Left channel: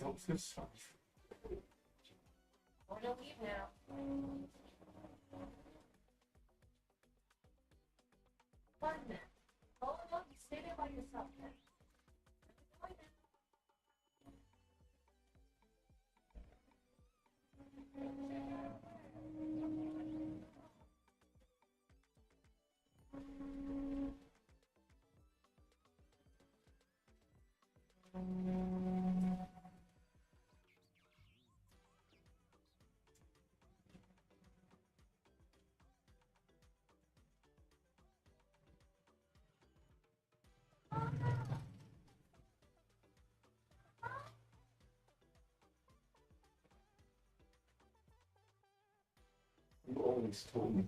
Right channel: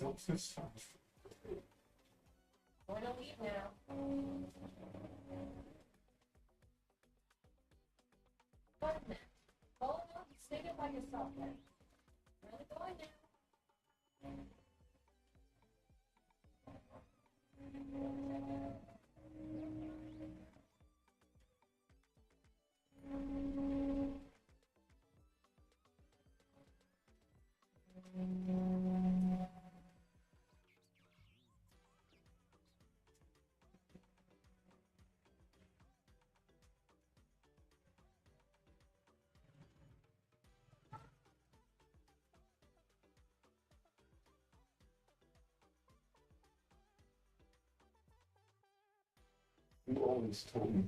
Don't feel sorry. We're gonna leave now. One minute. Hold on, you stay there by yourself then. Really going now. You always told me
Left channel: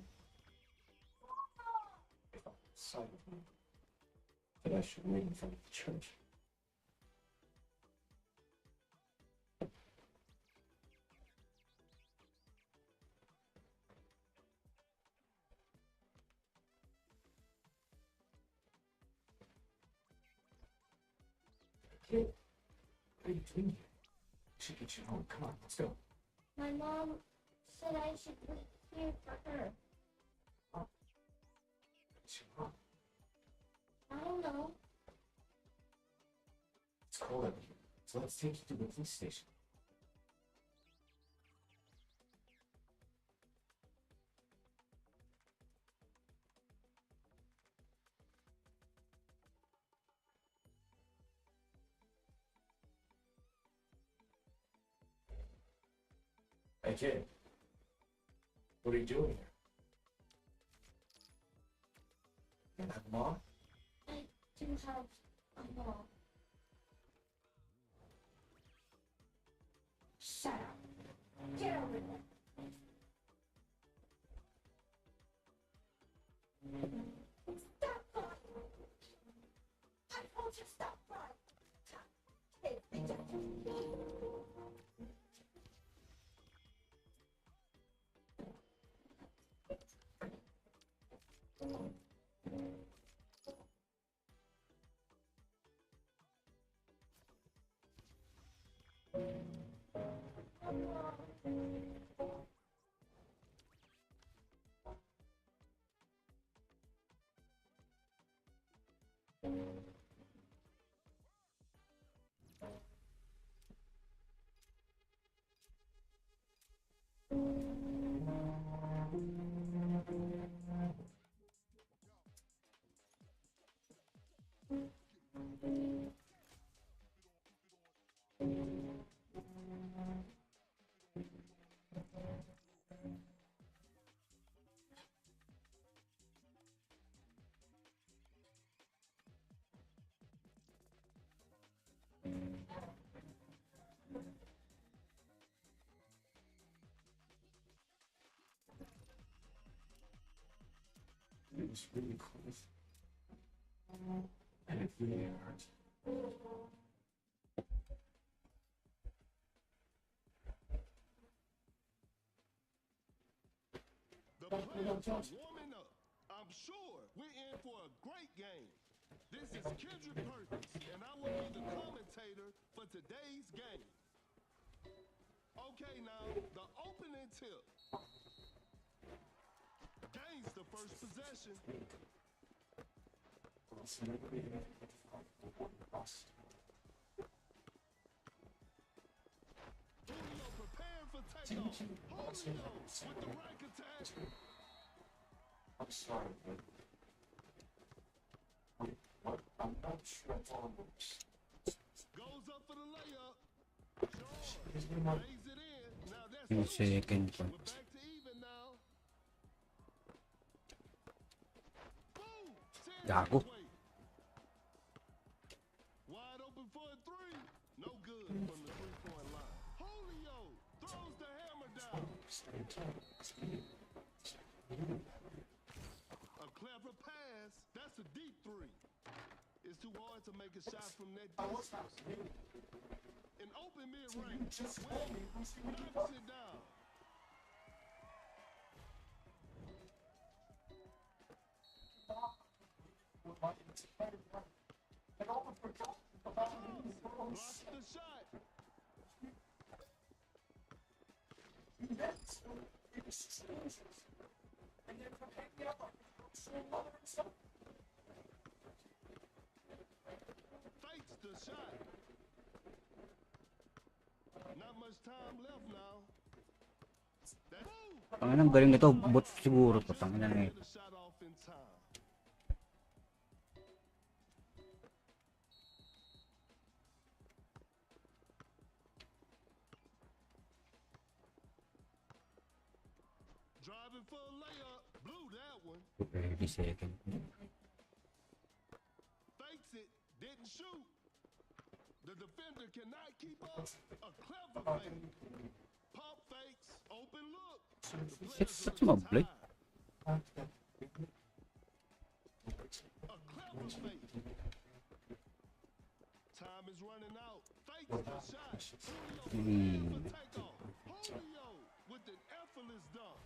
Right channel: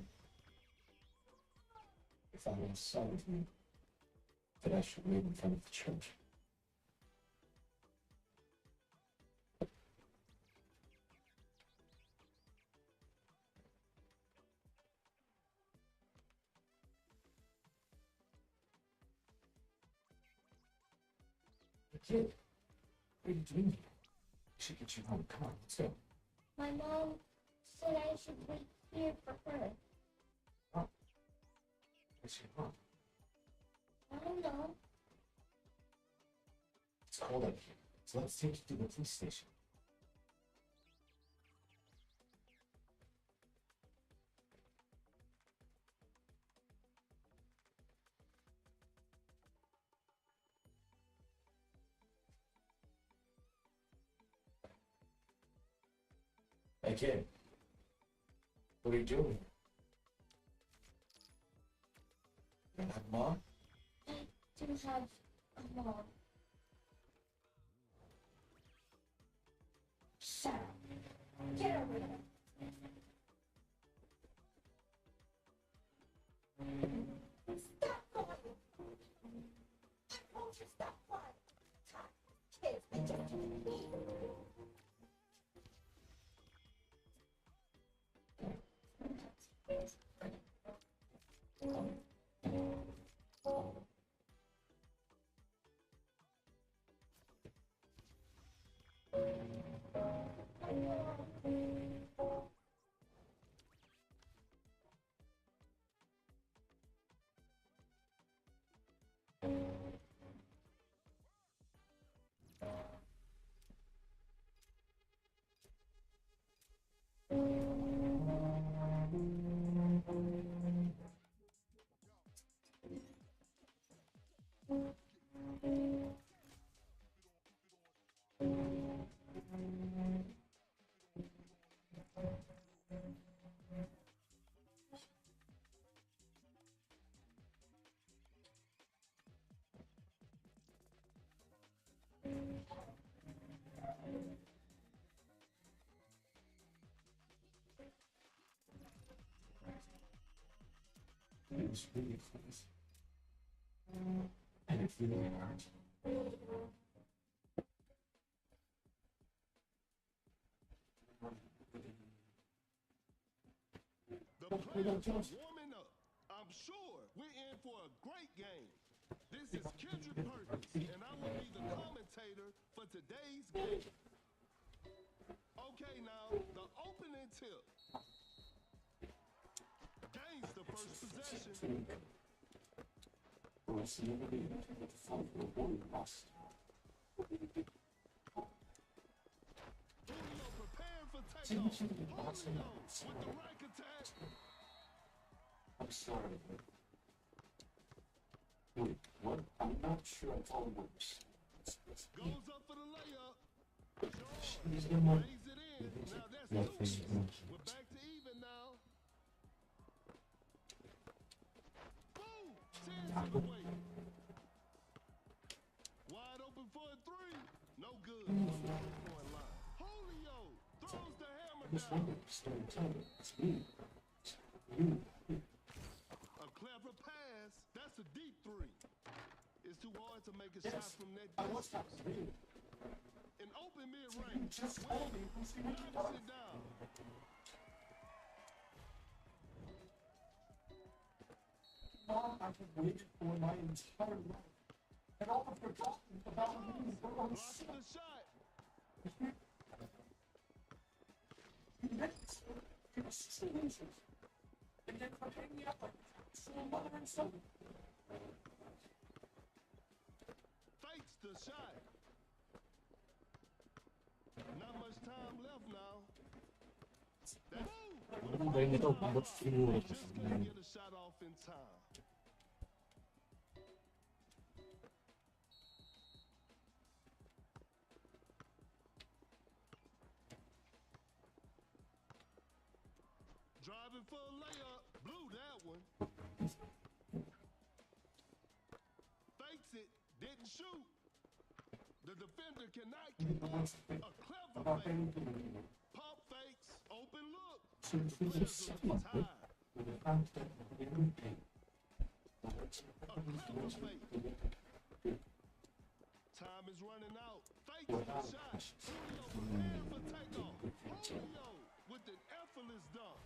if I was sorry with you, that I should wait in front of the church. Kid, what are you doing here? I should get you home. Come on, let's go. My mom said I should wait here for her. What's your mom? I don't know. It's cold up here, so let's take you to the police station. Hey kid, what are you doing here? You don't have a mom? I do have a mom. Shut up. Get over there. Stop crying. I told you stop crying. Kids, they just It was really close. And it really hurt. The players are warming up. I'm sure we're in for a great game. This is Kendrick Perkins, and I will be the commentator for today's game. Okay, now, the opening tip. Gains the first possession. Well, it's never been able to find the one lost. Julio preparing for takeoff. Julio with the right attack. I'm sorry, but... Wait, what? I'm not sure I follow this. Goes up for the layup. He's Sean in my... lays it in. Now that's No two. second We're point. back to even now. Boom! 10 Gago. seconds wait. Wide open for a three. No good from the 3-point line. Julio throws the hammer down. It's me. You. A clever pass. That's a deep three. It's too hard to make a shot from that distance. An open mid-range. Knocks it down. waited for my entire life. And all the forgotten about me were on Block the shot. events or exchanges. And then for hanging out like so mother and son. Fakes the shot. Not much time left now. Ang galing nito, bot siguro to. Tangina na eh. Get a shot off in time. Driving for a layup. Blew that one. 30 seconds. Fakes it. Didn't shoot. The defender cannot keep up. A clever fake. Pump fakes. Open look. The players Six are mo, Blake. tired. A clever fake. Time is running out. Fakes the shot. Julio prepared for takeoff. Julio with an effortless dunk.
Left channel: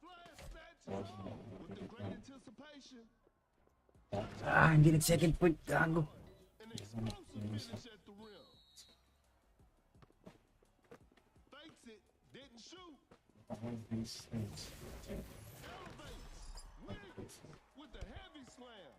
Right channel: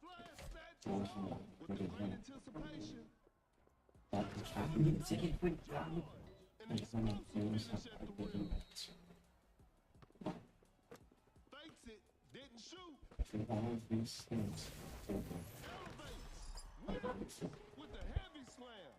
Flash snatch is on with the great anticipation. Ah, hindi nag-second point. Gago. An explosive finish at the rim. Fakes it, didn't shoot. Elevates, wins with the heavy slam.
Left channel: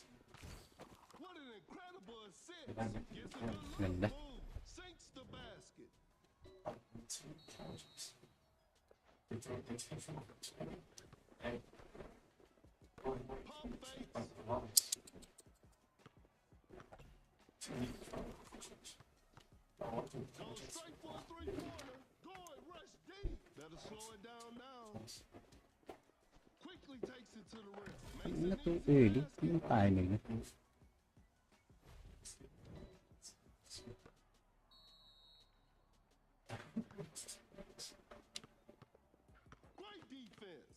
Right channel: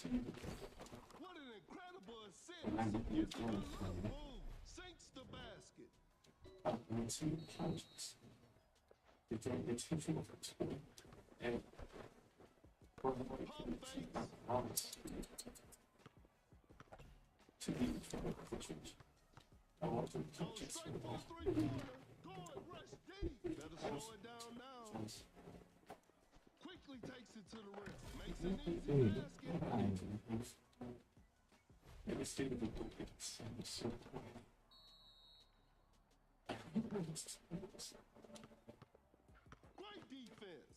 What an incredible assist. Gets a good look, boom, sinks the basket. Pump fakes. Goes straight for a three-pointer. Guard rush deep. Better slow it down now. Quickly takes it to the rim. Makes an Eh, easy basket. ay, hindi. Great defense.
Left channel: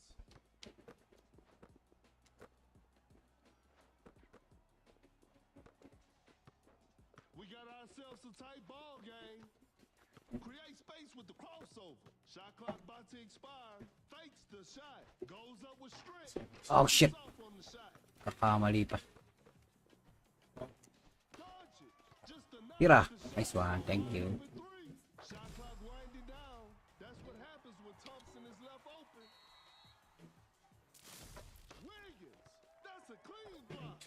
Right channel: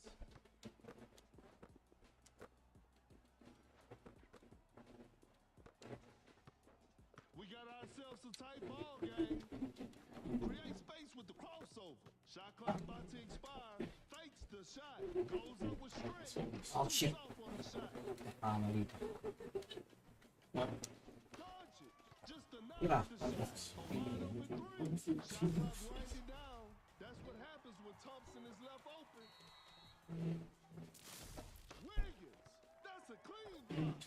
We got ourselves a tight ball game. Create space with the crossover. Shot clock about to expire. Fakes the shot. Goes up with strength. Oh, shit. Off on the shot. Nakamali pa. Dodge it. Just enough Tira. to shoot. Nice one. Thank you. Shot clock winding down. That's what happens when Thompson is left open. Williams. That's a clean block.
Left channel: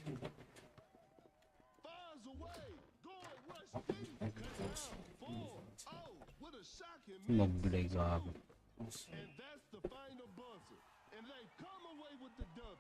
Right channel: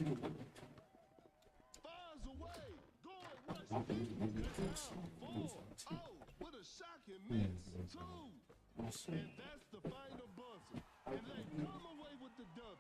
Fires away. Guard rush deep. Cuts out. 4-0 with a shocking miss. Mag-delay gago. And that's the final buzzer. And they come away with the W.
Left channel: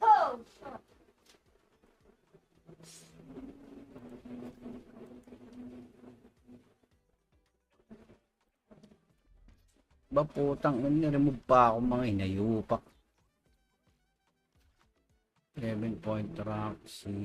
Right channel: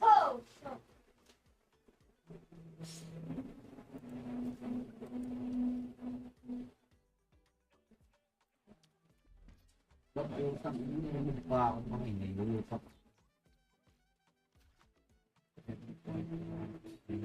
Oh, fuck. Ba putang, niremove pa ako mga inayupak. 7-point Roxy.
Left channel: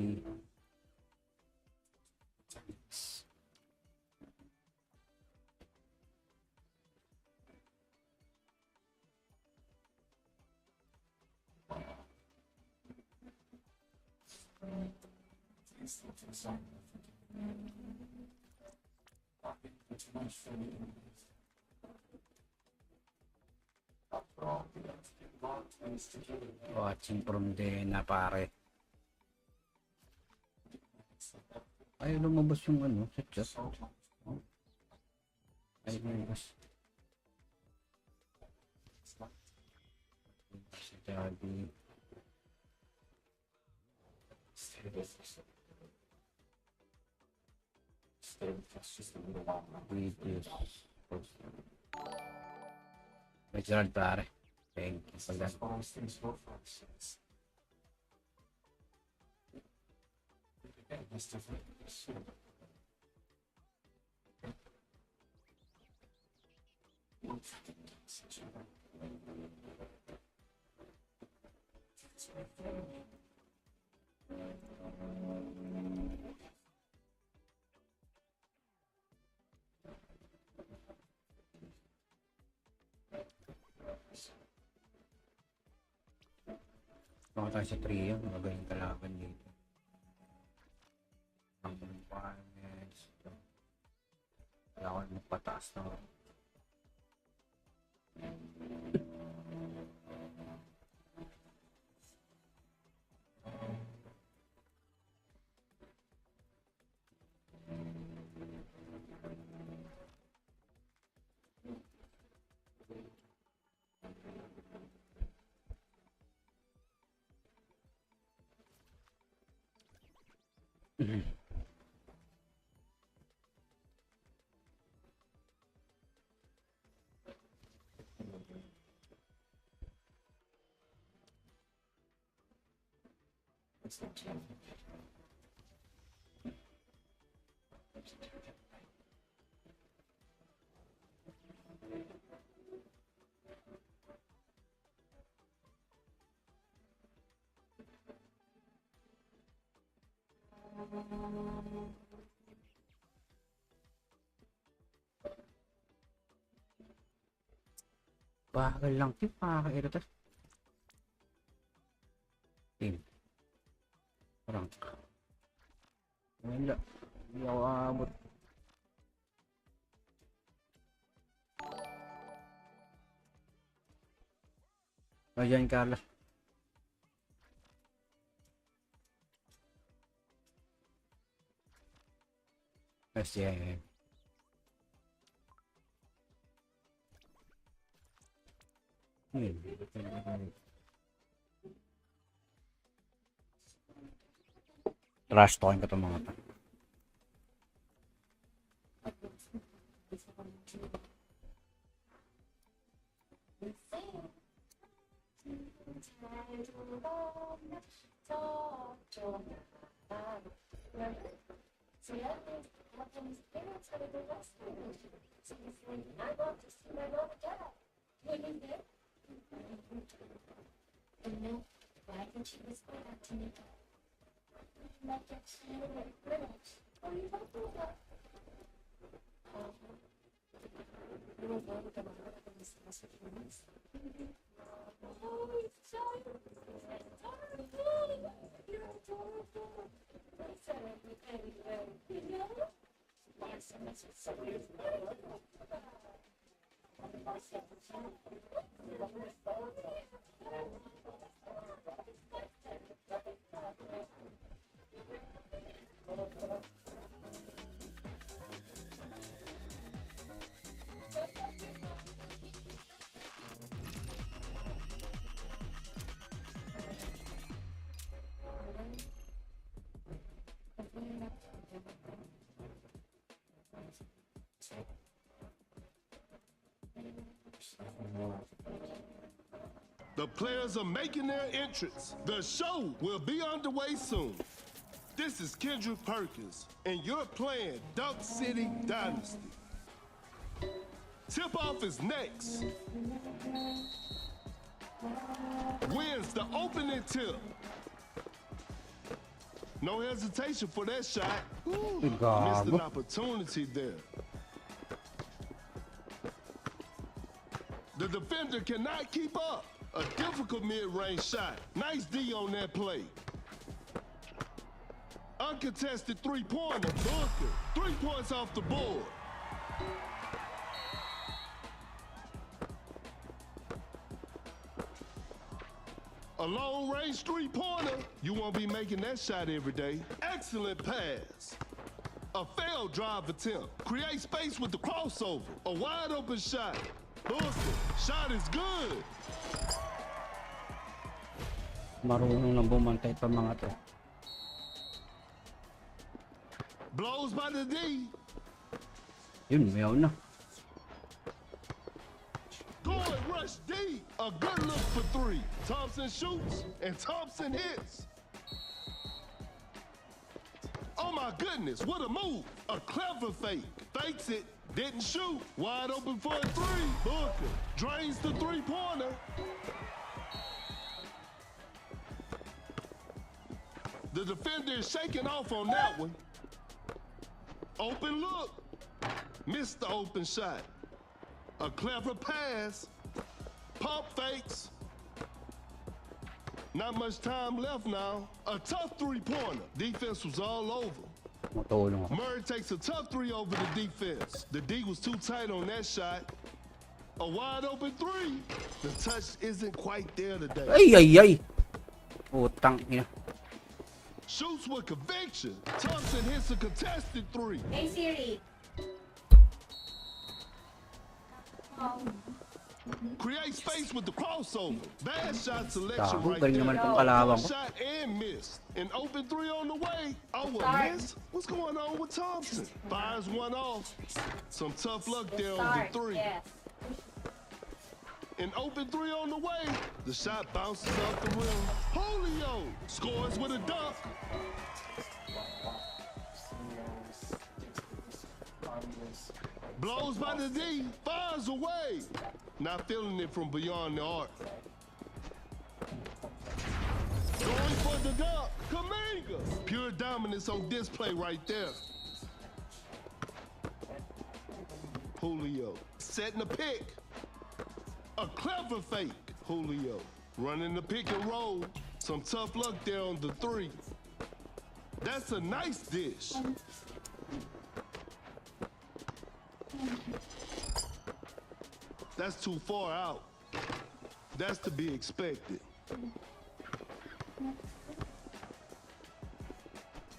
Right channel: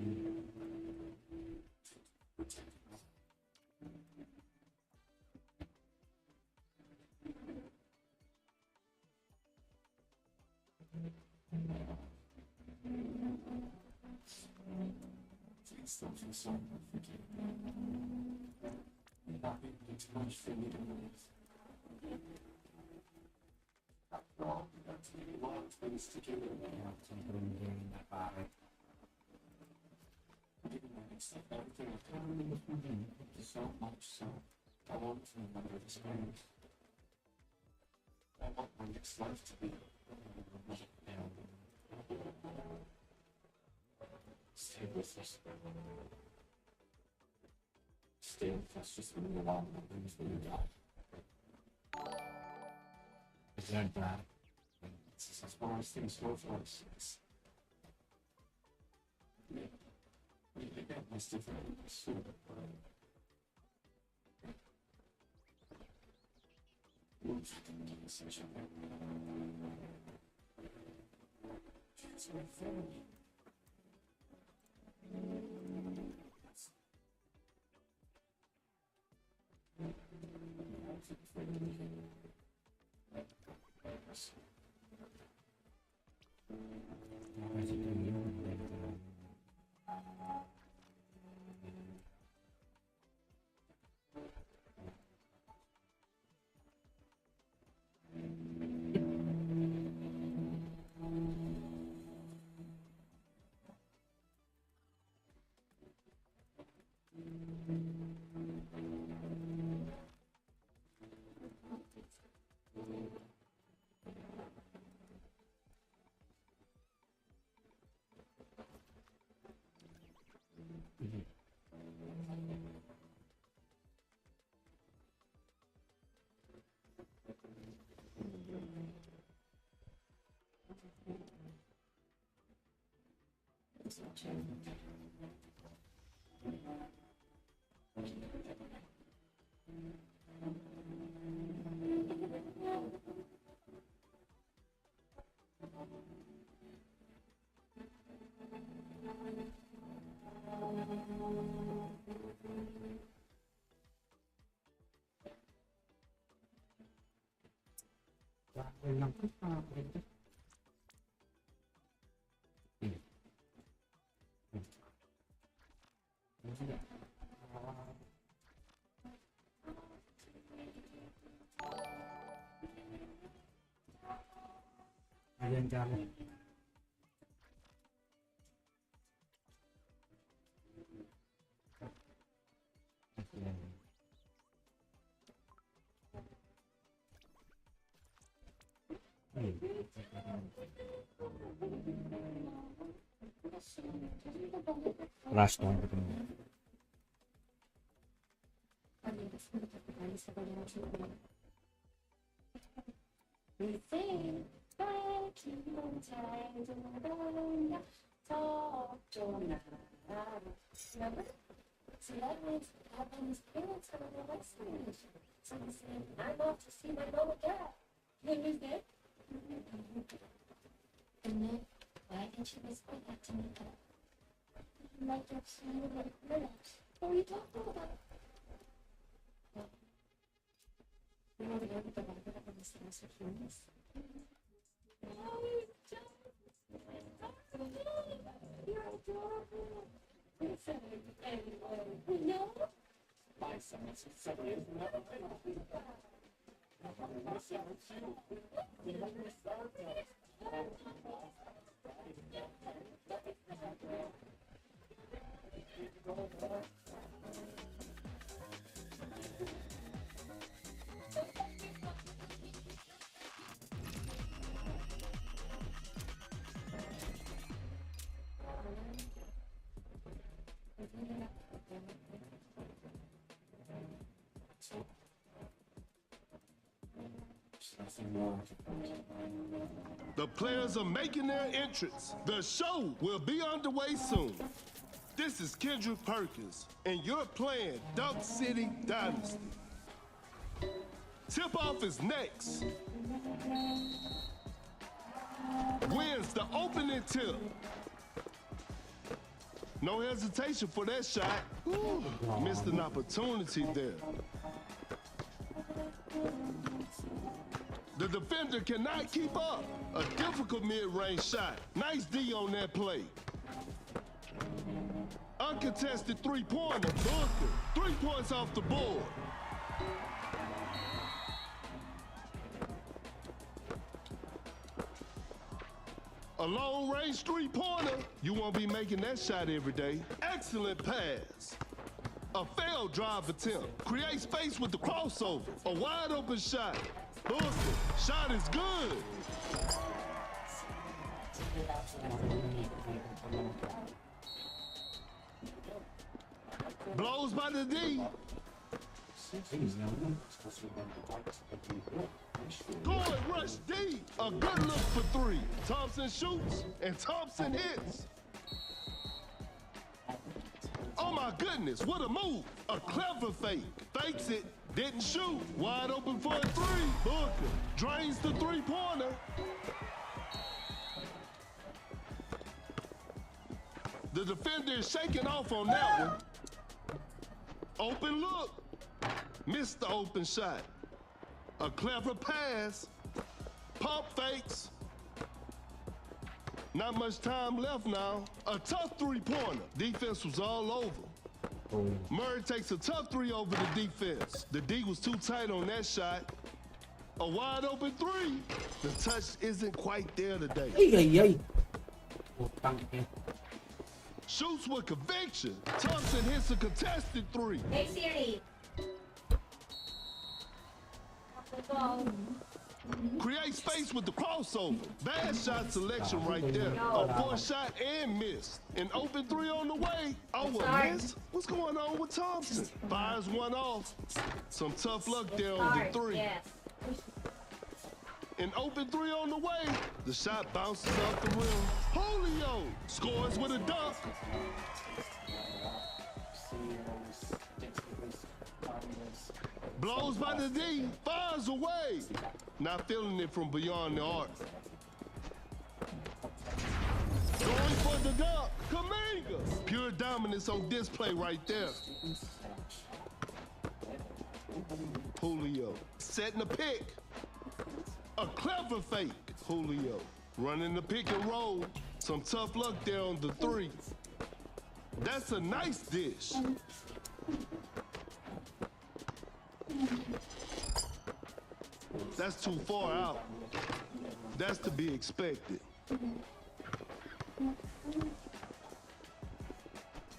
Watching from the na pare. Ay, lumabas yung ano, sa chat. Ay, lumabas. Sabi. Wait, pare. Thank you for This is that. as far as things go for us. Again, it's different. So, Baka tayo sa 3 yung mabalik kalaban dito. Ang requirements. Kailangan magpataas na. Bakal lang ito, pakaka-irritate. Parang wala, hindi ako aabot. Ayan, Carlos. Yes, yeah. Rush talking ko ito mga ito. Remember? So that means Evelyn's parents had a divorce. So he's saying, I'm off to see my mom and dad. When is that? And then, why didn't you whisper that to me? Like you're seeing like minutes. What are you talking about? you know, the other thing I'm going to this message from this. Oh, it's John. You're adorable. We said it anyway. You know? Why so much is never The players are making their entrance. The show will be underway soon. This is Kendrick Perkins, and you're playing Duck City Dynasty. Tip-off is next. Wins the opening tip. No hesitation for that shot. Ooh, missed an opportunity there. The defender cannot keep up. A difficult mid-range shot. Nice D on that play. Uncontested three-pointer. Booker. 3 points off the board. A long-range three-pointer. You won't be making that shot every day. Excellent pass. A failed drive attempt. Create space with the crossover. A wide-open shot. Booker. Shot is good. Marunong na bumantay pa mga to. Blows by the D. Yun, mayaw na. Going Boy, rush D. A good look for three. Thompson shoots and Thompson hits. Oh my goodness, what a move. A clever fake. Fakes it, didn't shoot. Wide open for a three. Booker drains the three-pointer. The defender is shaking off on that one. Open look. Missed the open shot. A clever pass. Pump fakes. Not much time left now. A tough three-pointer. Defense was all over. Matulong. Murray takes a tough three over the defense. The D was too tight on that shot. A wide open three. The touch isn't quite there today. Ay. Putang ina. Shoots with conviction. Thompson hits a contested three. Hey Siri. Create space with the crossover. Bad shot selection Gago, right galing there. naman itong Good kalawang ko. shot and miss. An open three on the way. Oh, a Sorry. miss? What's going on with Thompson? Fires one off. Some tough luck there on Sorry. the three. Yes. An open three on the way. The shot bounces off the rim. Julio scores with a dunk. Blows by the D, fires away. Not feeling it from beyond the arc. Going for the dunk, Kaminga. Pure dominance on display right there. Julio setting the pick. A clever fake, Julio. Running the pick and roll. Some tough luck there on the three. That's a nice dish. That's too far out. That's to be expected.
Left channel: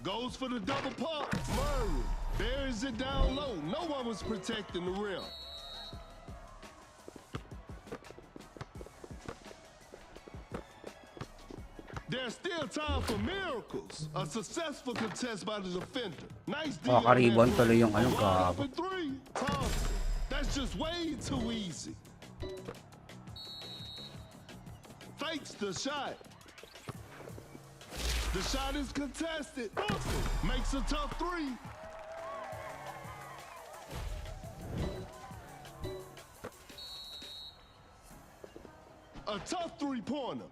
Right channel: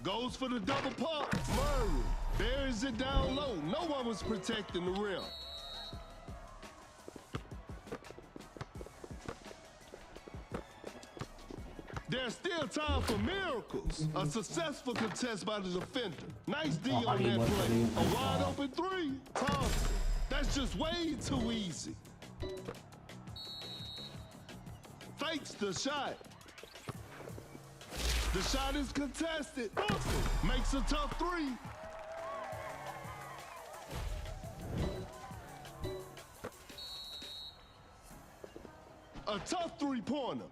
Goes for the double pump. Murray buries it down low. No one was protecting the rim. There's still time for miracles. A successful contest by the defender. Nice deal on that Kakaribon tuloy play. yung A ano, wide gago. open three. Thompson. That's just way too easy. Fakes the shot. The shot is contested. Booker makes a tough three. A tough three-pointer.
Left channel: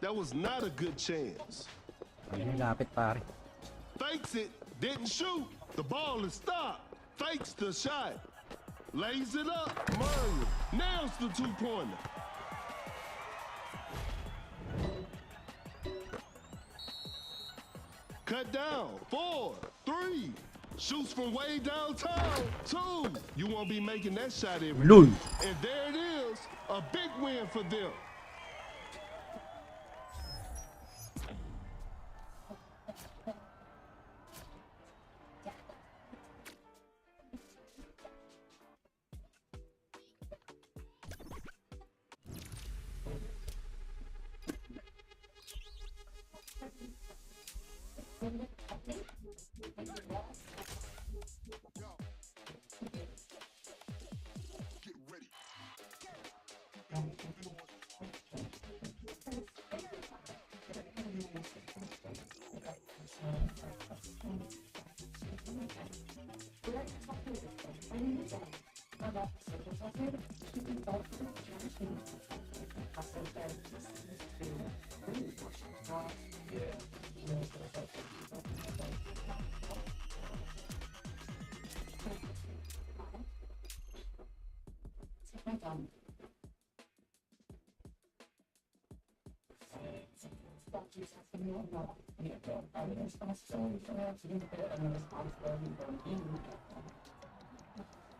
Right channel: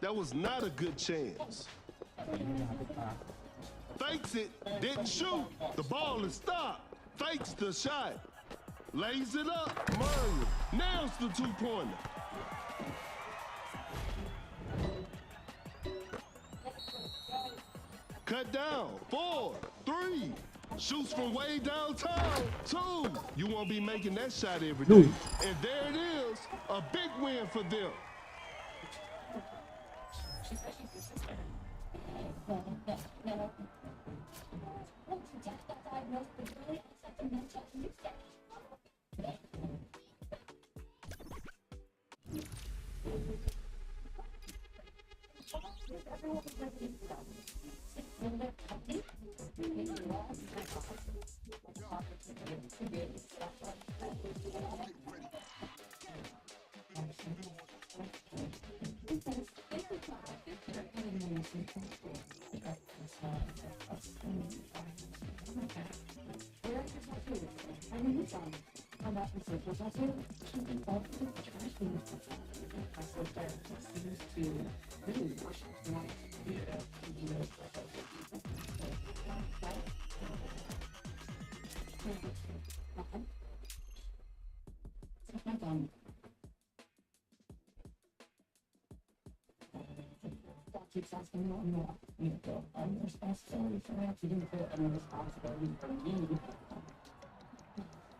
That was not a good chance. Ayun, lapit pare. Fakes it, didn't shoot. The ball is stopped. Fakes the shot. Lays it up. Murray nails the two-pointer. Cut down. 4, 3. Shoots from way downtown. 2. You won't be making that shot every Lul. day. And there it is. A big win for them.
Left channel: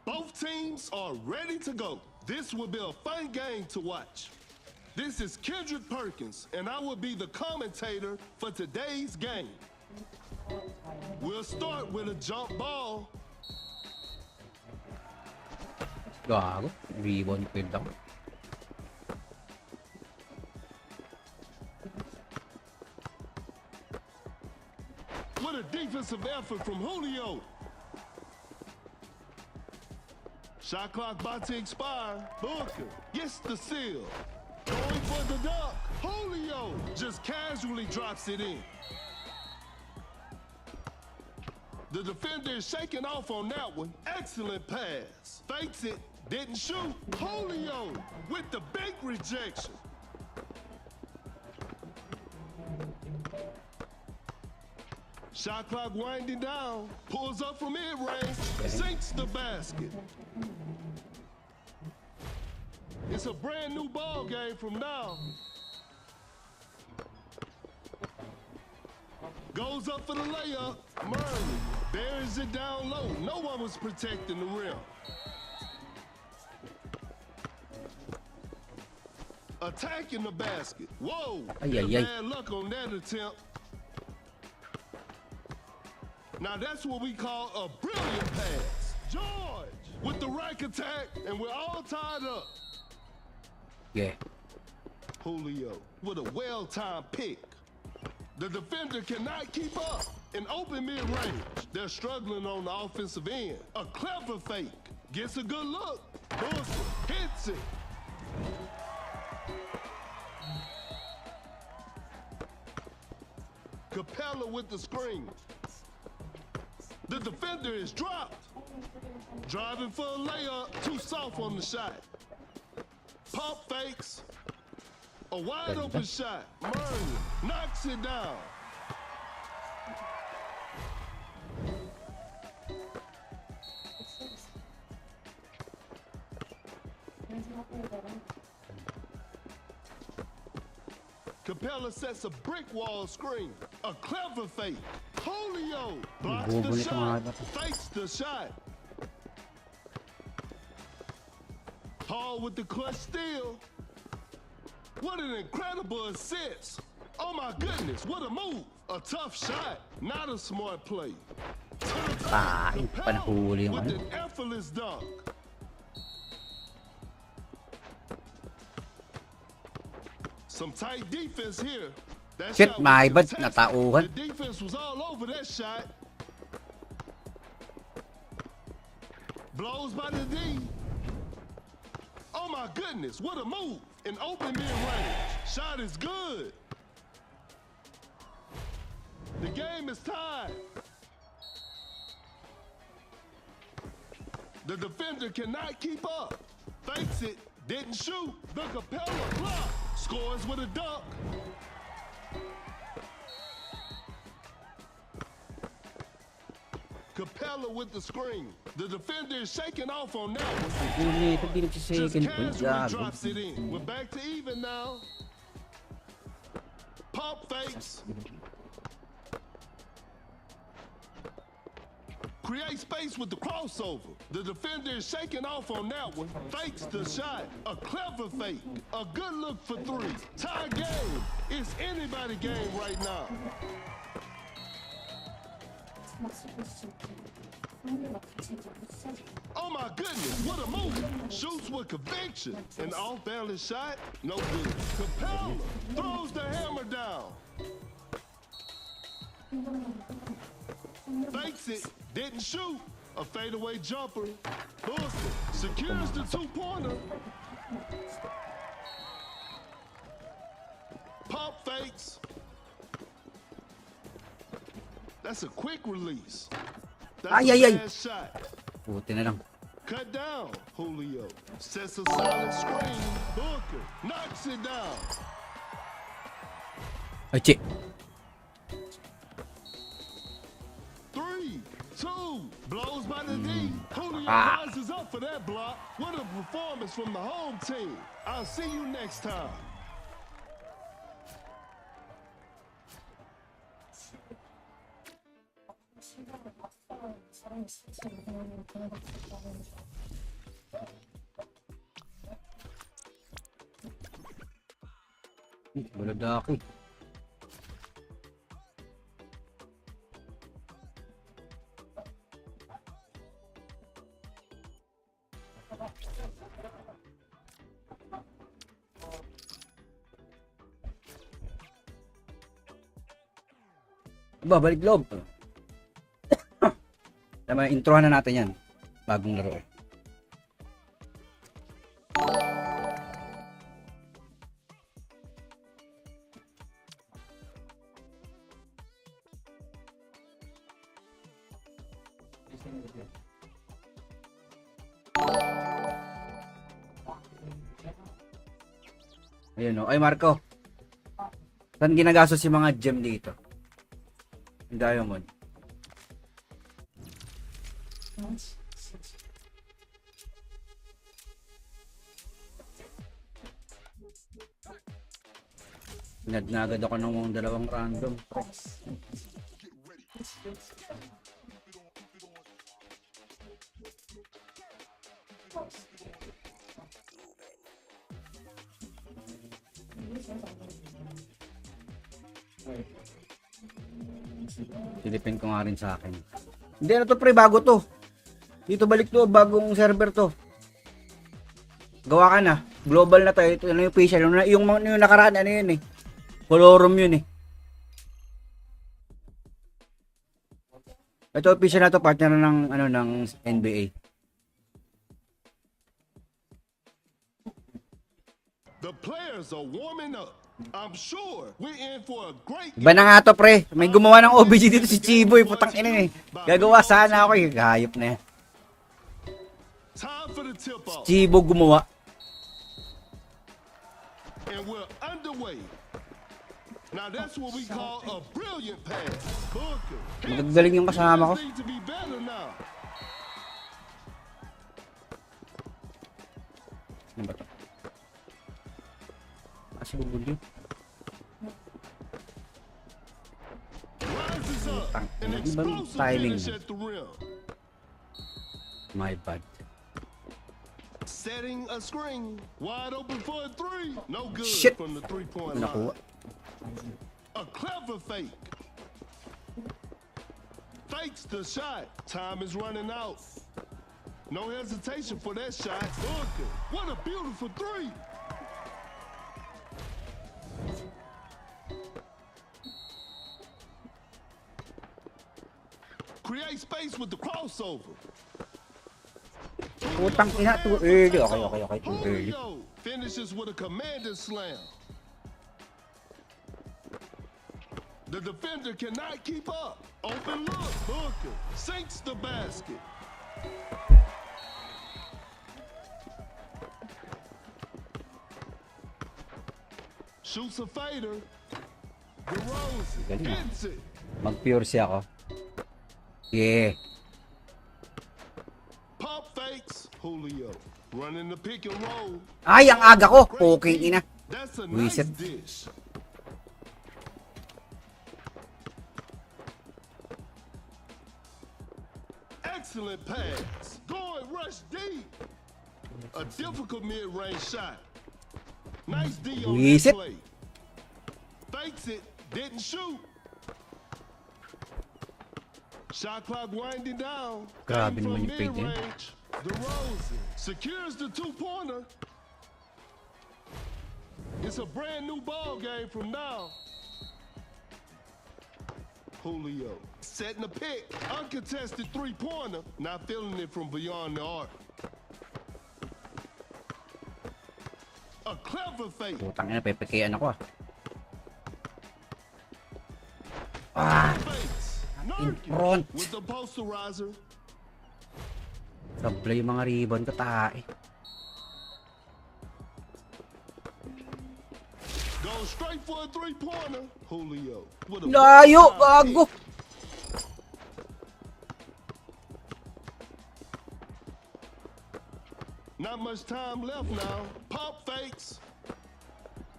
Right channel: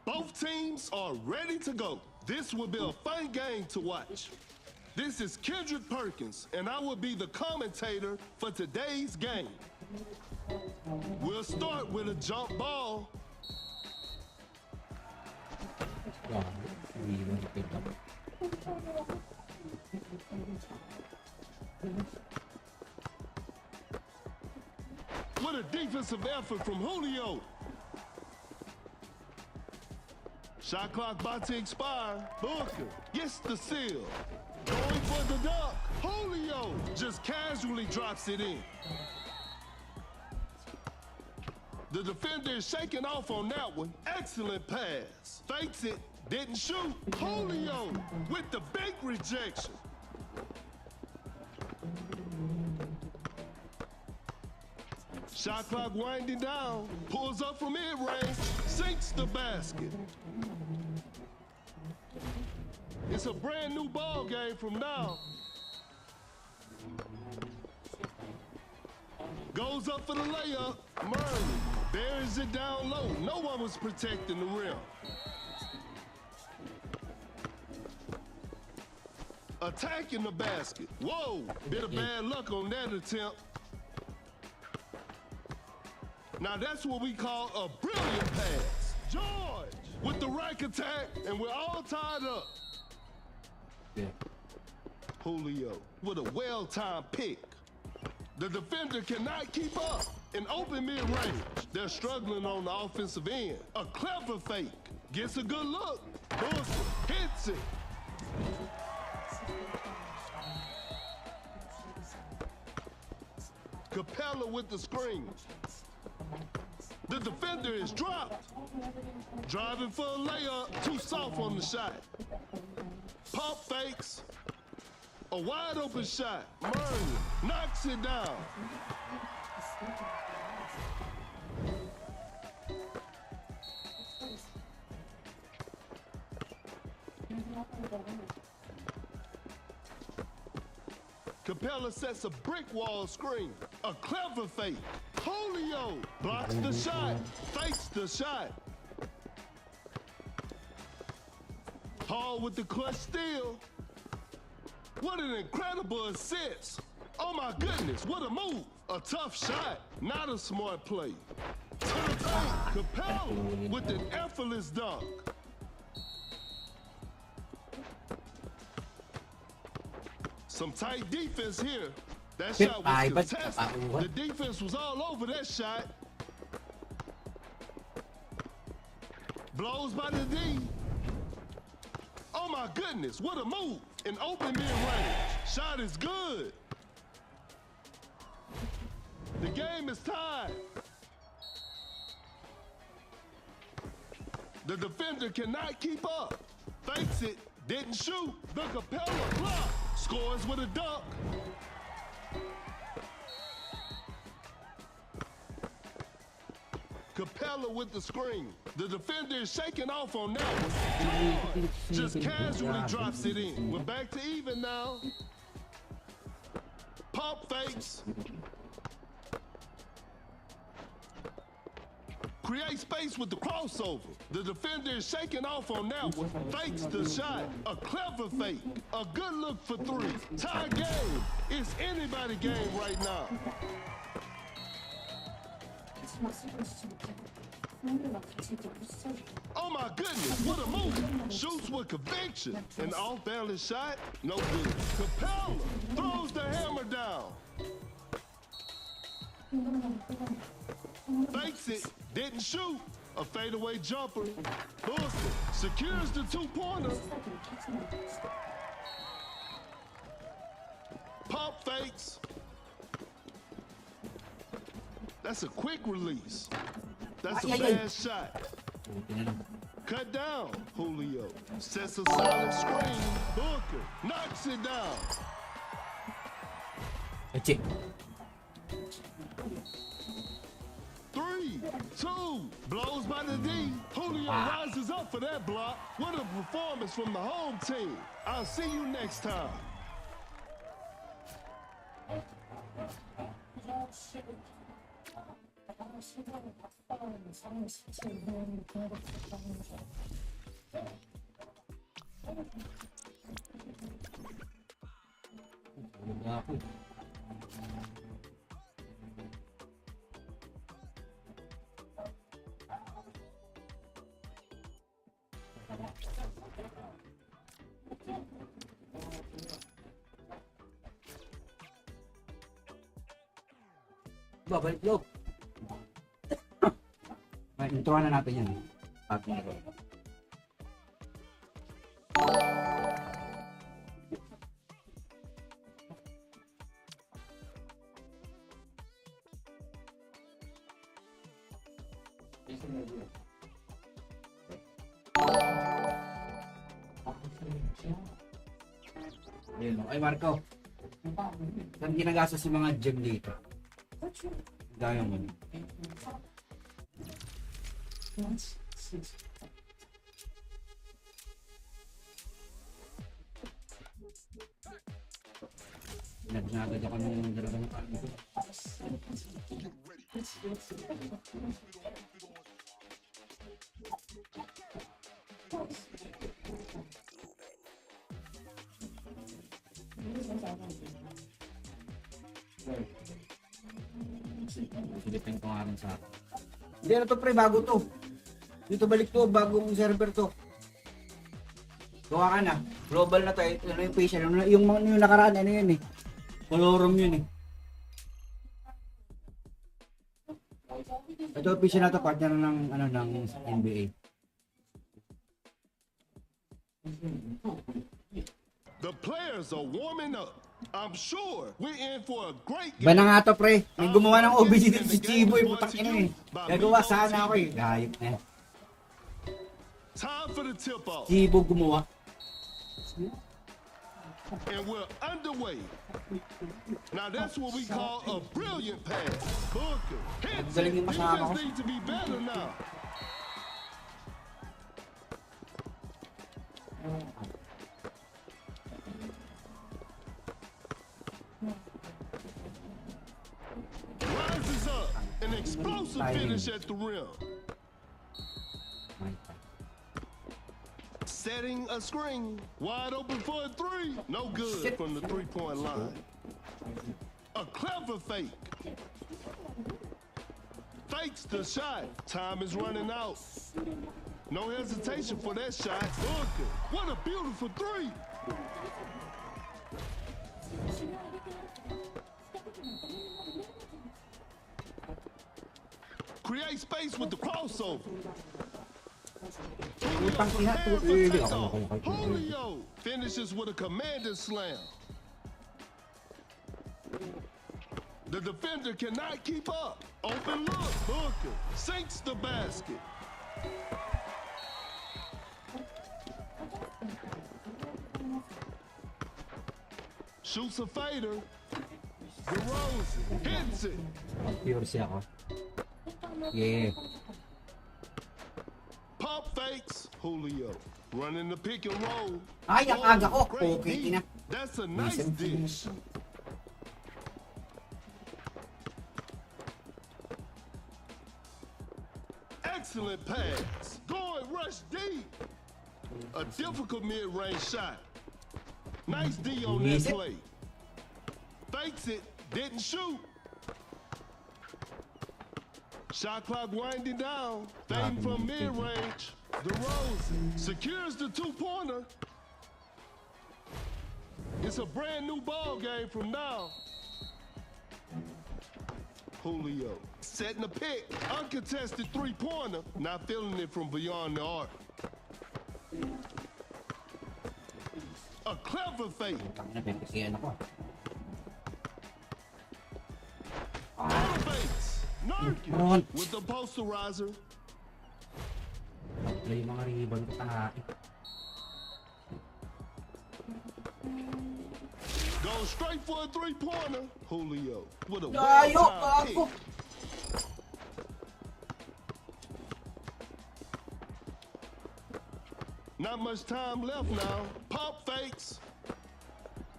Both teams are ready to go. This will be a fun game to watch. This is Kendrick Perkins, and I will be the commentator for today's game. We'll start with a jump ball. Gago. Rebound yung pinta ko. What a defensive effort from Julio. Shot clock about to expire. Booker gets the seal. Going for the dunk. Julio just casually drops it in. The defender is shaking off on that one. Excellent pass. Fakes it. Didn't shoot. Julio with the big rejection. Shot clock winding down. Pulls up from mid-range. Sinks the basket. It's a brand new ball game from now. Goes up for the layup. Murray buries it down low. No one was protecting the rim. Attacking the basket. Whoa, bit of bad luck on that attempt. Now that's what we call a brilliant pass. George with the rack attack, and we're all tied up. Yeah. Julio with a well-timed pick. The defender cannot keep up. In open mid-range, they're struggling on the offensive end. A clever fake. Gets a good look. Booker hits it. Capella with the screen. The defender is dropped. Driving for a layup. Too soft on the shot. Pump fakes. A wide open shot. Murray knocks it down. Capella sets a brick wall screen. A clever fake. Julio blocks the shot. Fakes the shot. Hall with the clutch steal. What an incredible assist. Oh my goodness, what a move. A tough shot, not a smart play. To the fake, Capella with an effortless dunk. Some tight defense here. That shot was contested. The defense was all over that shot. Blows by the D. Oh my goodness, what a move. An open mid-range. Shot is good. The game is tied. The defender cannot keep up. Fakes it, didn't shoot. The Capella block. Scores with a dunk. Capella with the screen. The defender is shaking off on that one. Just casually drops it in. We're back to even now. Pump fakes. Create space with the crossover. The defender is shaking off on that one. Fakes the shot. A clever fake. A good look for three. Tie game. It's anybody game right now. Oh my goodness, what a move. Shoots with conviction. An off-balance shot, no good. Capella throws the hammer down. Fakes it, didn't shoot. A fadeaway jumper. Booker secures the two-pointer. Pump fakes. That's a quick release. That's a bad shot. Cut down, Julio. Sets a solid screen. Booker knocks it down. Check. 3, 2, blows by the D. Julio rises up for that block. What a performance from the home team. I'll see you next time. Wala ako. Balik loob. Tama, introhan na natin yan. Bagong laro. Ayun o. Ay, Marco. Saan ginagastos yung mga gem dito? Diamond. Nagnagad ako ng dalawang random. Silipin ko nga rin sa akin. Hindi na to pre, bago to. Dito balik to, bagong server to. Gawa ka na. Global na to. Ito ano yung facial. Yung nakaraan, ano yun eh. Colorum yun eh. Ito official na to, partner ng ano ng NBA. The players are warming up. I'm sure we're in for a great Iba na nga to pre. May gumawa ng OBG dito si Chibo eh. Putang ina eh. Gagawa sana ako eh. Hayop na yan. Time for the tip off. Chibo gumawa. And we're underway. Now that's what we call a brilliant pass. Booker. Naggaling yung kasama ko. You just need to be better now. Rises up. An explosive finish at the rim. My bad. Setting a screen. Wide open for a three. No good Shit. from the three-point line. A clever fake. Fakes the shot. Time is running out. No hesitation for that shot. Booker. What a beautiful three. Create space with the crossover. Utang ina to. Okay. Julio finishes with a commanding slam. The defender cannot keep up. Open look. Booker sinks the basket. Shoots a fader. DeRozan hits it. Mag-pure siya ako. Yeah. Pump fakes. Julio running the pick and roll. Ay, ang aga ko. Okay, ina. That's a nice Reset. dish. Excellent pass. Going rush deep. A difficult mid-range shot. Nice D on that Reset. play. Fakes it. Didn't shoot. Shot clock winding down. Grabe Game from naman yung fake, eh. mid-range. DeRozan secures the two-pointer. It's a brand new ball game from now. Julio setting the pick. Uncontested three-pointer. Not feeling it from beyond the arc. A clever fake. Utang ina, pepekean ako ah. Fakes. Nurkic front. with the posterizer. Sablay yung mga ribbon ko tae. Goes straight for a three-pointer. Julio with a Layo, well-timed gago. pick. Not much time left now. Pump fakes.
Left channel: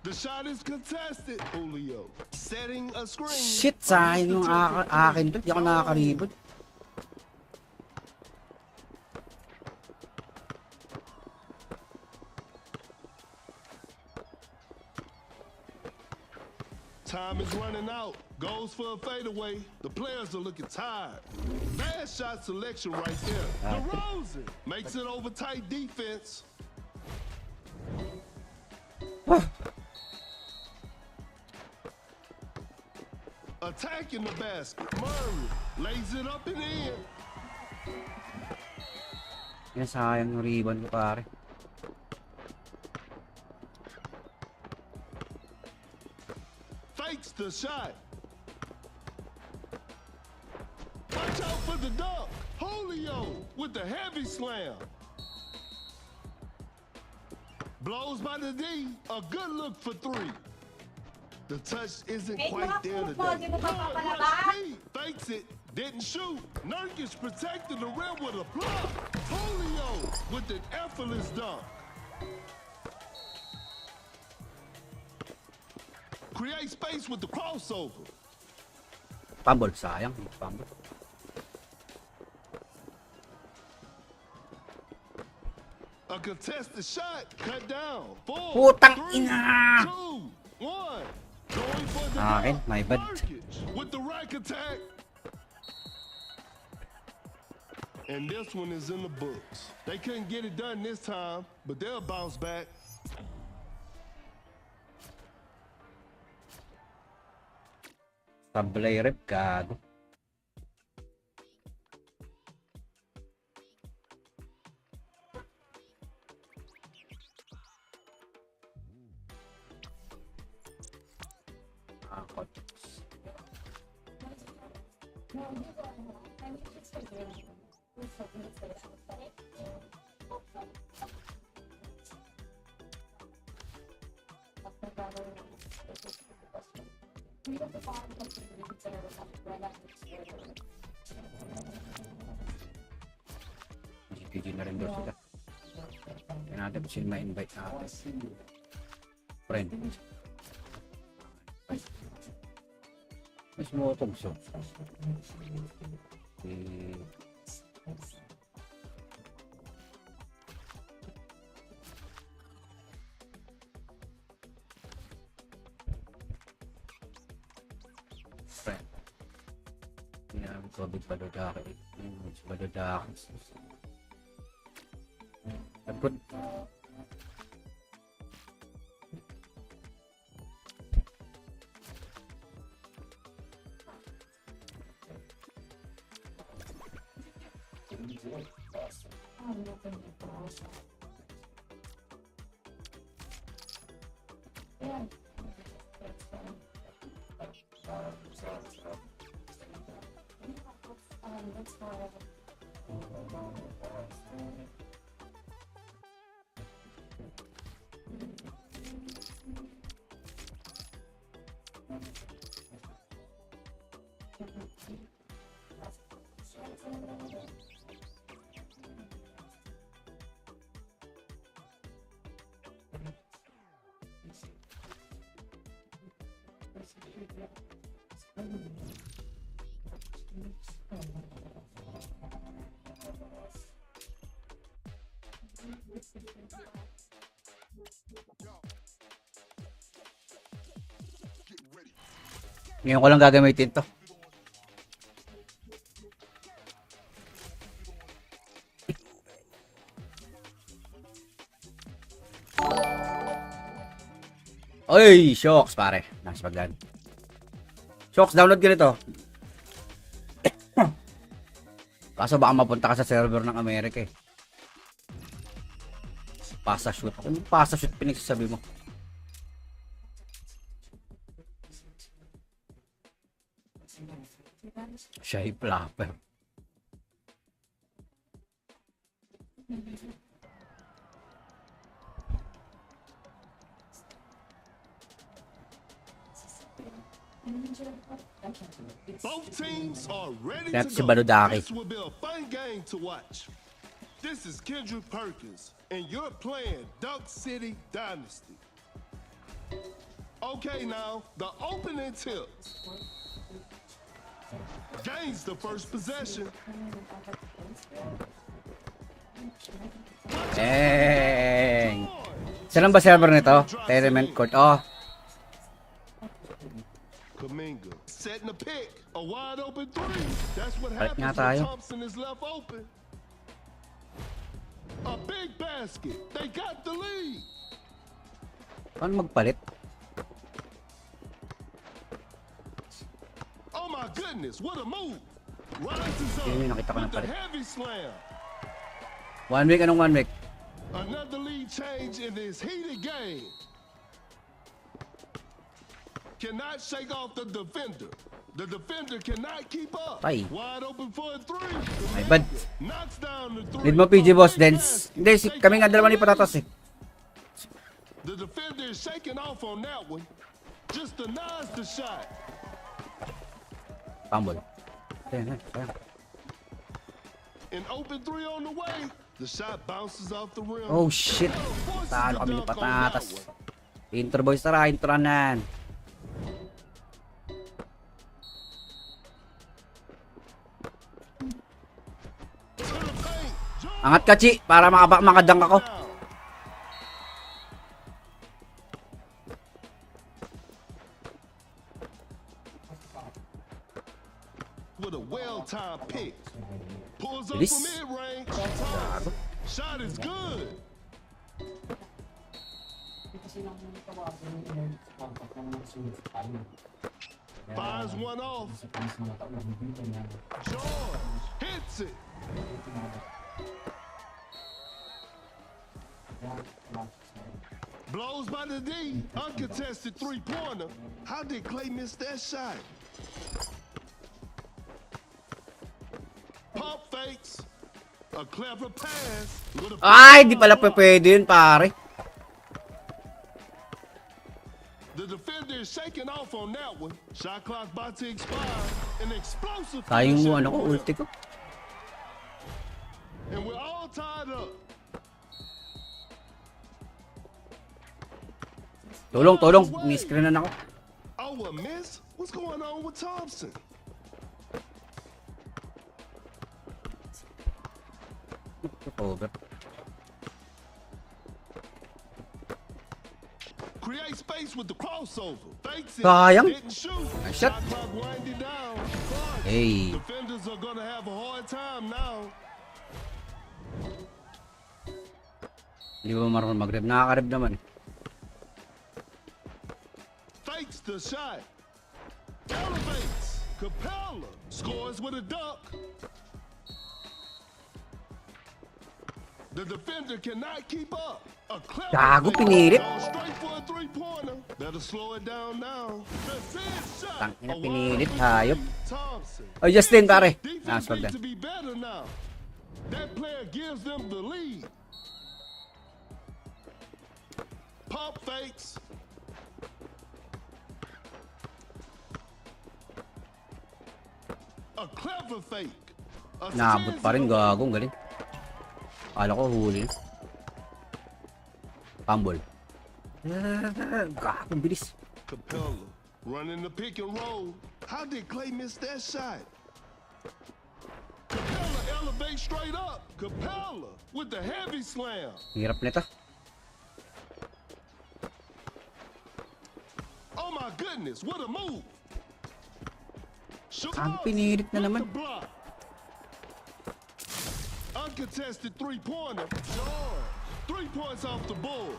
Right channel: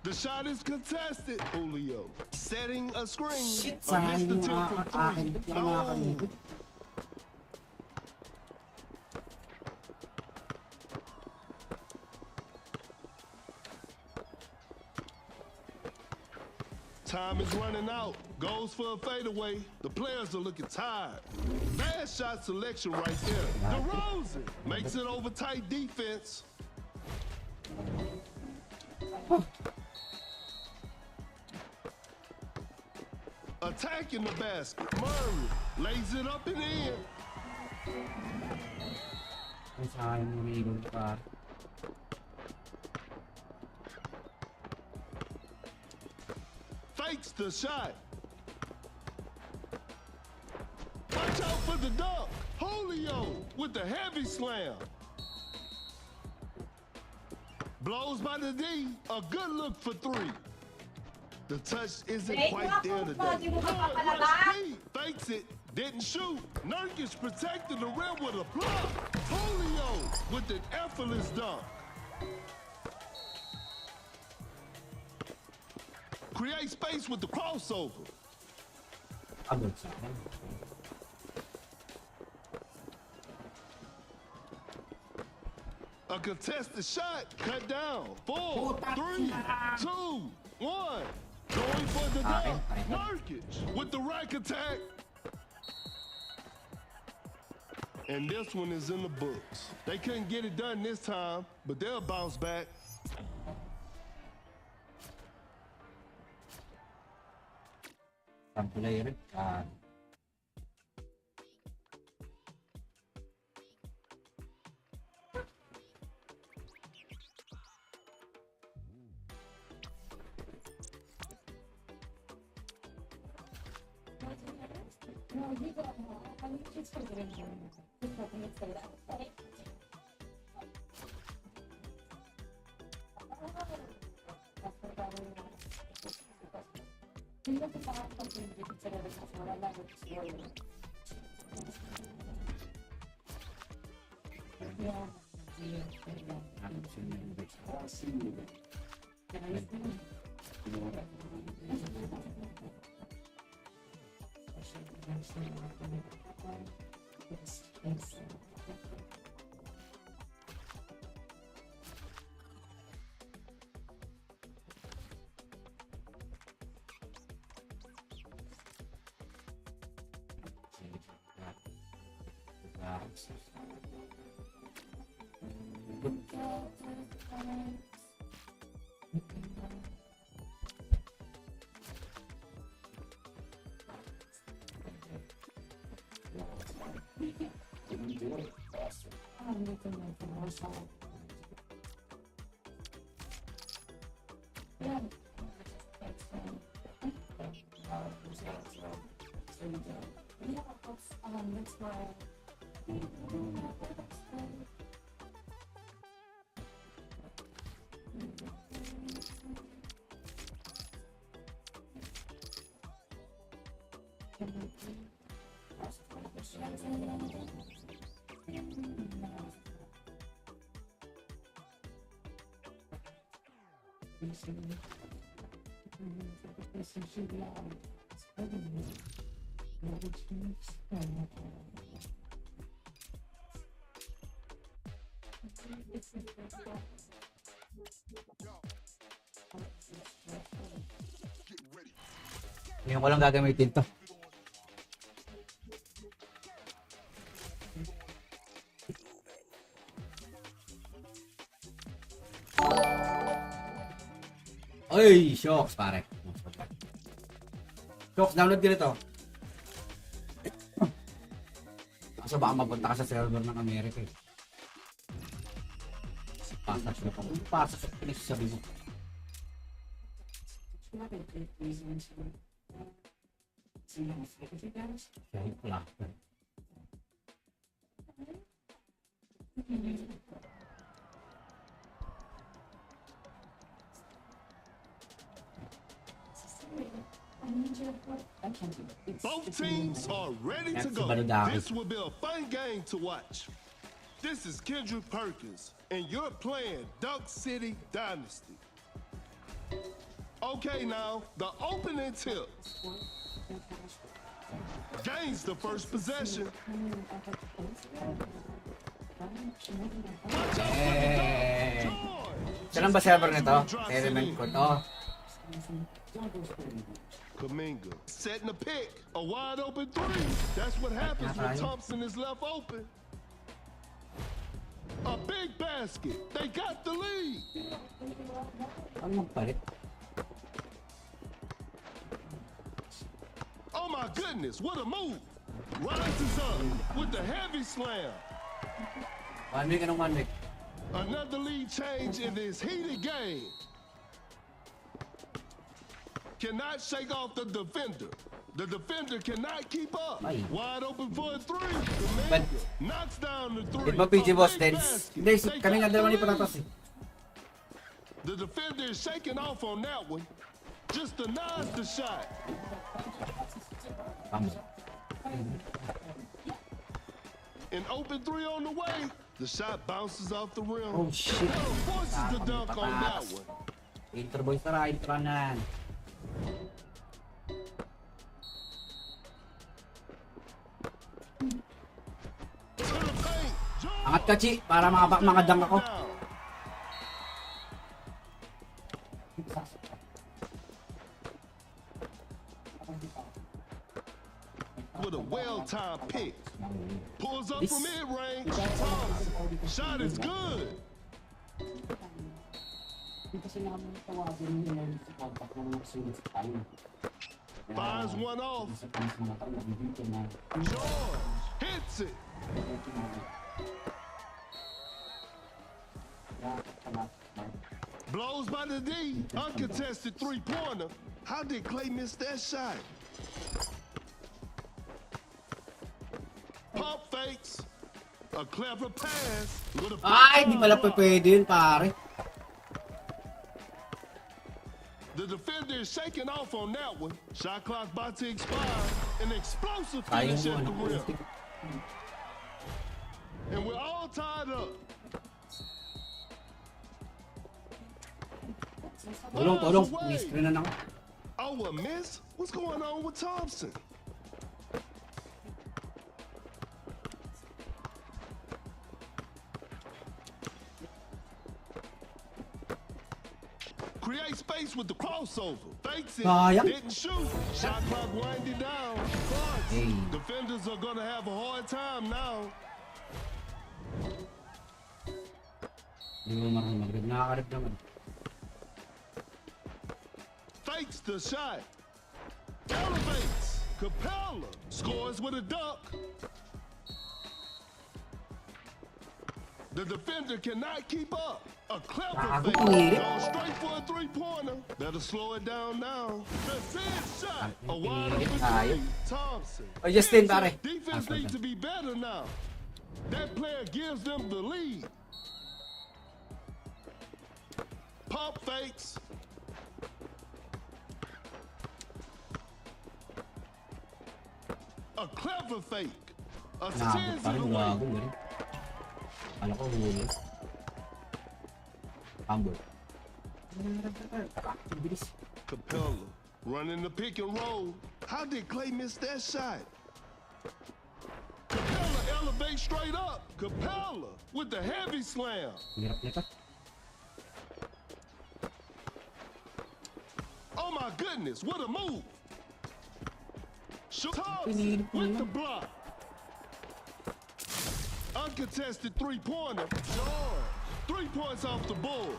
The shot is contested. Julio setting a screen. Shit, sayang yung akin to. Di ako nakakaribot. Time is running out. Goes for a fadeaway. The players are looking tired. Bad shot selection right there. DeRozan makes it over tight defense. Attacking the basket. Murray lays it up and in. Yan, sayang yung ribbon ko pare. Fakes the shot. Watch out for the dunk. Julio with the heavy slam. Blows by the D. A good look for three. The touch isn't Eh, quite there mga puto, today. di mo Good mapapalabas. rush speed. Fakes it. Didn't shoot. Nurkic protected the rim with a block. Polio with an effortless dunk. Create space with the crossover. Fumble, sayang. Fumble. A contested shot, cut down. 4, Putang 3, ina! 2, 1. Going for the Akin, dunk. my bad. Nurkic with the rack attack. And this one is in the books. They couldn't get it done this time, but they'll bounce back. Sablay rep, gago. Akot. No, you don't know. I mean, it's for the reason. We're talking about that, right? GG na rin ba sila? Hanap sila ma-invite na ako. Friend. Mas motog so. Friend. Hinahap ko big padodaki. Padodaki. Nagput. Ngayon ko lang gagamitin to. Oy, shocks pare. Nice paglan. Shocks, download ka nito. Kaso baka mapunta ka sa server ng Amerika eh. Pasa shoot. Kung pasa shoot pinagsasabi mo. Siya yung flapper. Both teams are ready That's to go. Baludaki. This will be a fun game to watch. This is Kendrick Perkins, and you're playing Duck City Dynasty. Okay, now, the opening tip. Gains the first possession. Dang. Saan ba server nito? Tenement code. Oh. Kaminga setting a pick, a wide open three. That's what happens when Thompson is left open. A big basket. They got the lead. Paano magpalit? Oh my goodness, what a move. Rises up with the heavy slam. 1 week, anong 1 week? Another lead change in this heated game. Cannot shake off the defender. The defender cannot keep up. Ay. Wide open for a three. But, Knocks down the three. need mo PG boss A big dance. basket. Hindi, They kami got nga dalawa the ni Patatas eh. lead. The defender is shaking off on that one. Just denies the shot. Pambol. An open three on the way. The shot bounces off the rim. Oh shit. Forces Talo the kami dunk on that patatas. one. Intro boys, tara, intronan. To the paint. George. Angat ka, Chi, para makadunk ako. With a well-timed pick. Pulls up This- from mid-range. Thompson. Shot is good. Fires one off. George hits it. Blows by the D. Uncontested three-pointer. How did Clay miss that shot? Pump fakes. A clever pass. With a Ay, di pala pwede yun, pare. The defender is shaking off on that one. Shot clock about to expire. An explosive Sayang finish mo, at ano the ko, rim. ulti ko. And we're all tied up. Tulong. Miss-screen na ako. Oh, a miss? What's going on with Thompson? Over. Create space with the crossover. Fakes it. Sayang. Didn't shoot. Shot. Shot clock winding down. Clutch. Hey. Defenders are gonna have a hard time now. Hindi ba marunong mag-rep? Nakaka-rep naman. Fakes the shot. Elevates. Capella scores with a dunk. The defender cannot keep up. A clever Gago, fake. pinilit. Goes straight for a three-pointer. Better slow it down now. The shot. A wide Pinilit, open hayop. three. Thompson. Oh, Justin, Hits it. pare. Defense Stop needs that. to be better now. That player gives them the lead. Pump fakes. A clever fake. Naabot pa rin, gagong galing. Akala ko huli. Pambol. Gagong bilis. Capella running the pick and roll. How did Clay miss that shot? Capella elevates straight up. Capella with the heavy slam. Hirap nito. Oh my goodness, what a move. Shoot Ang pinilit na with naman. the block. Uncontested three-pointer. George. 3 points off the board.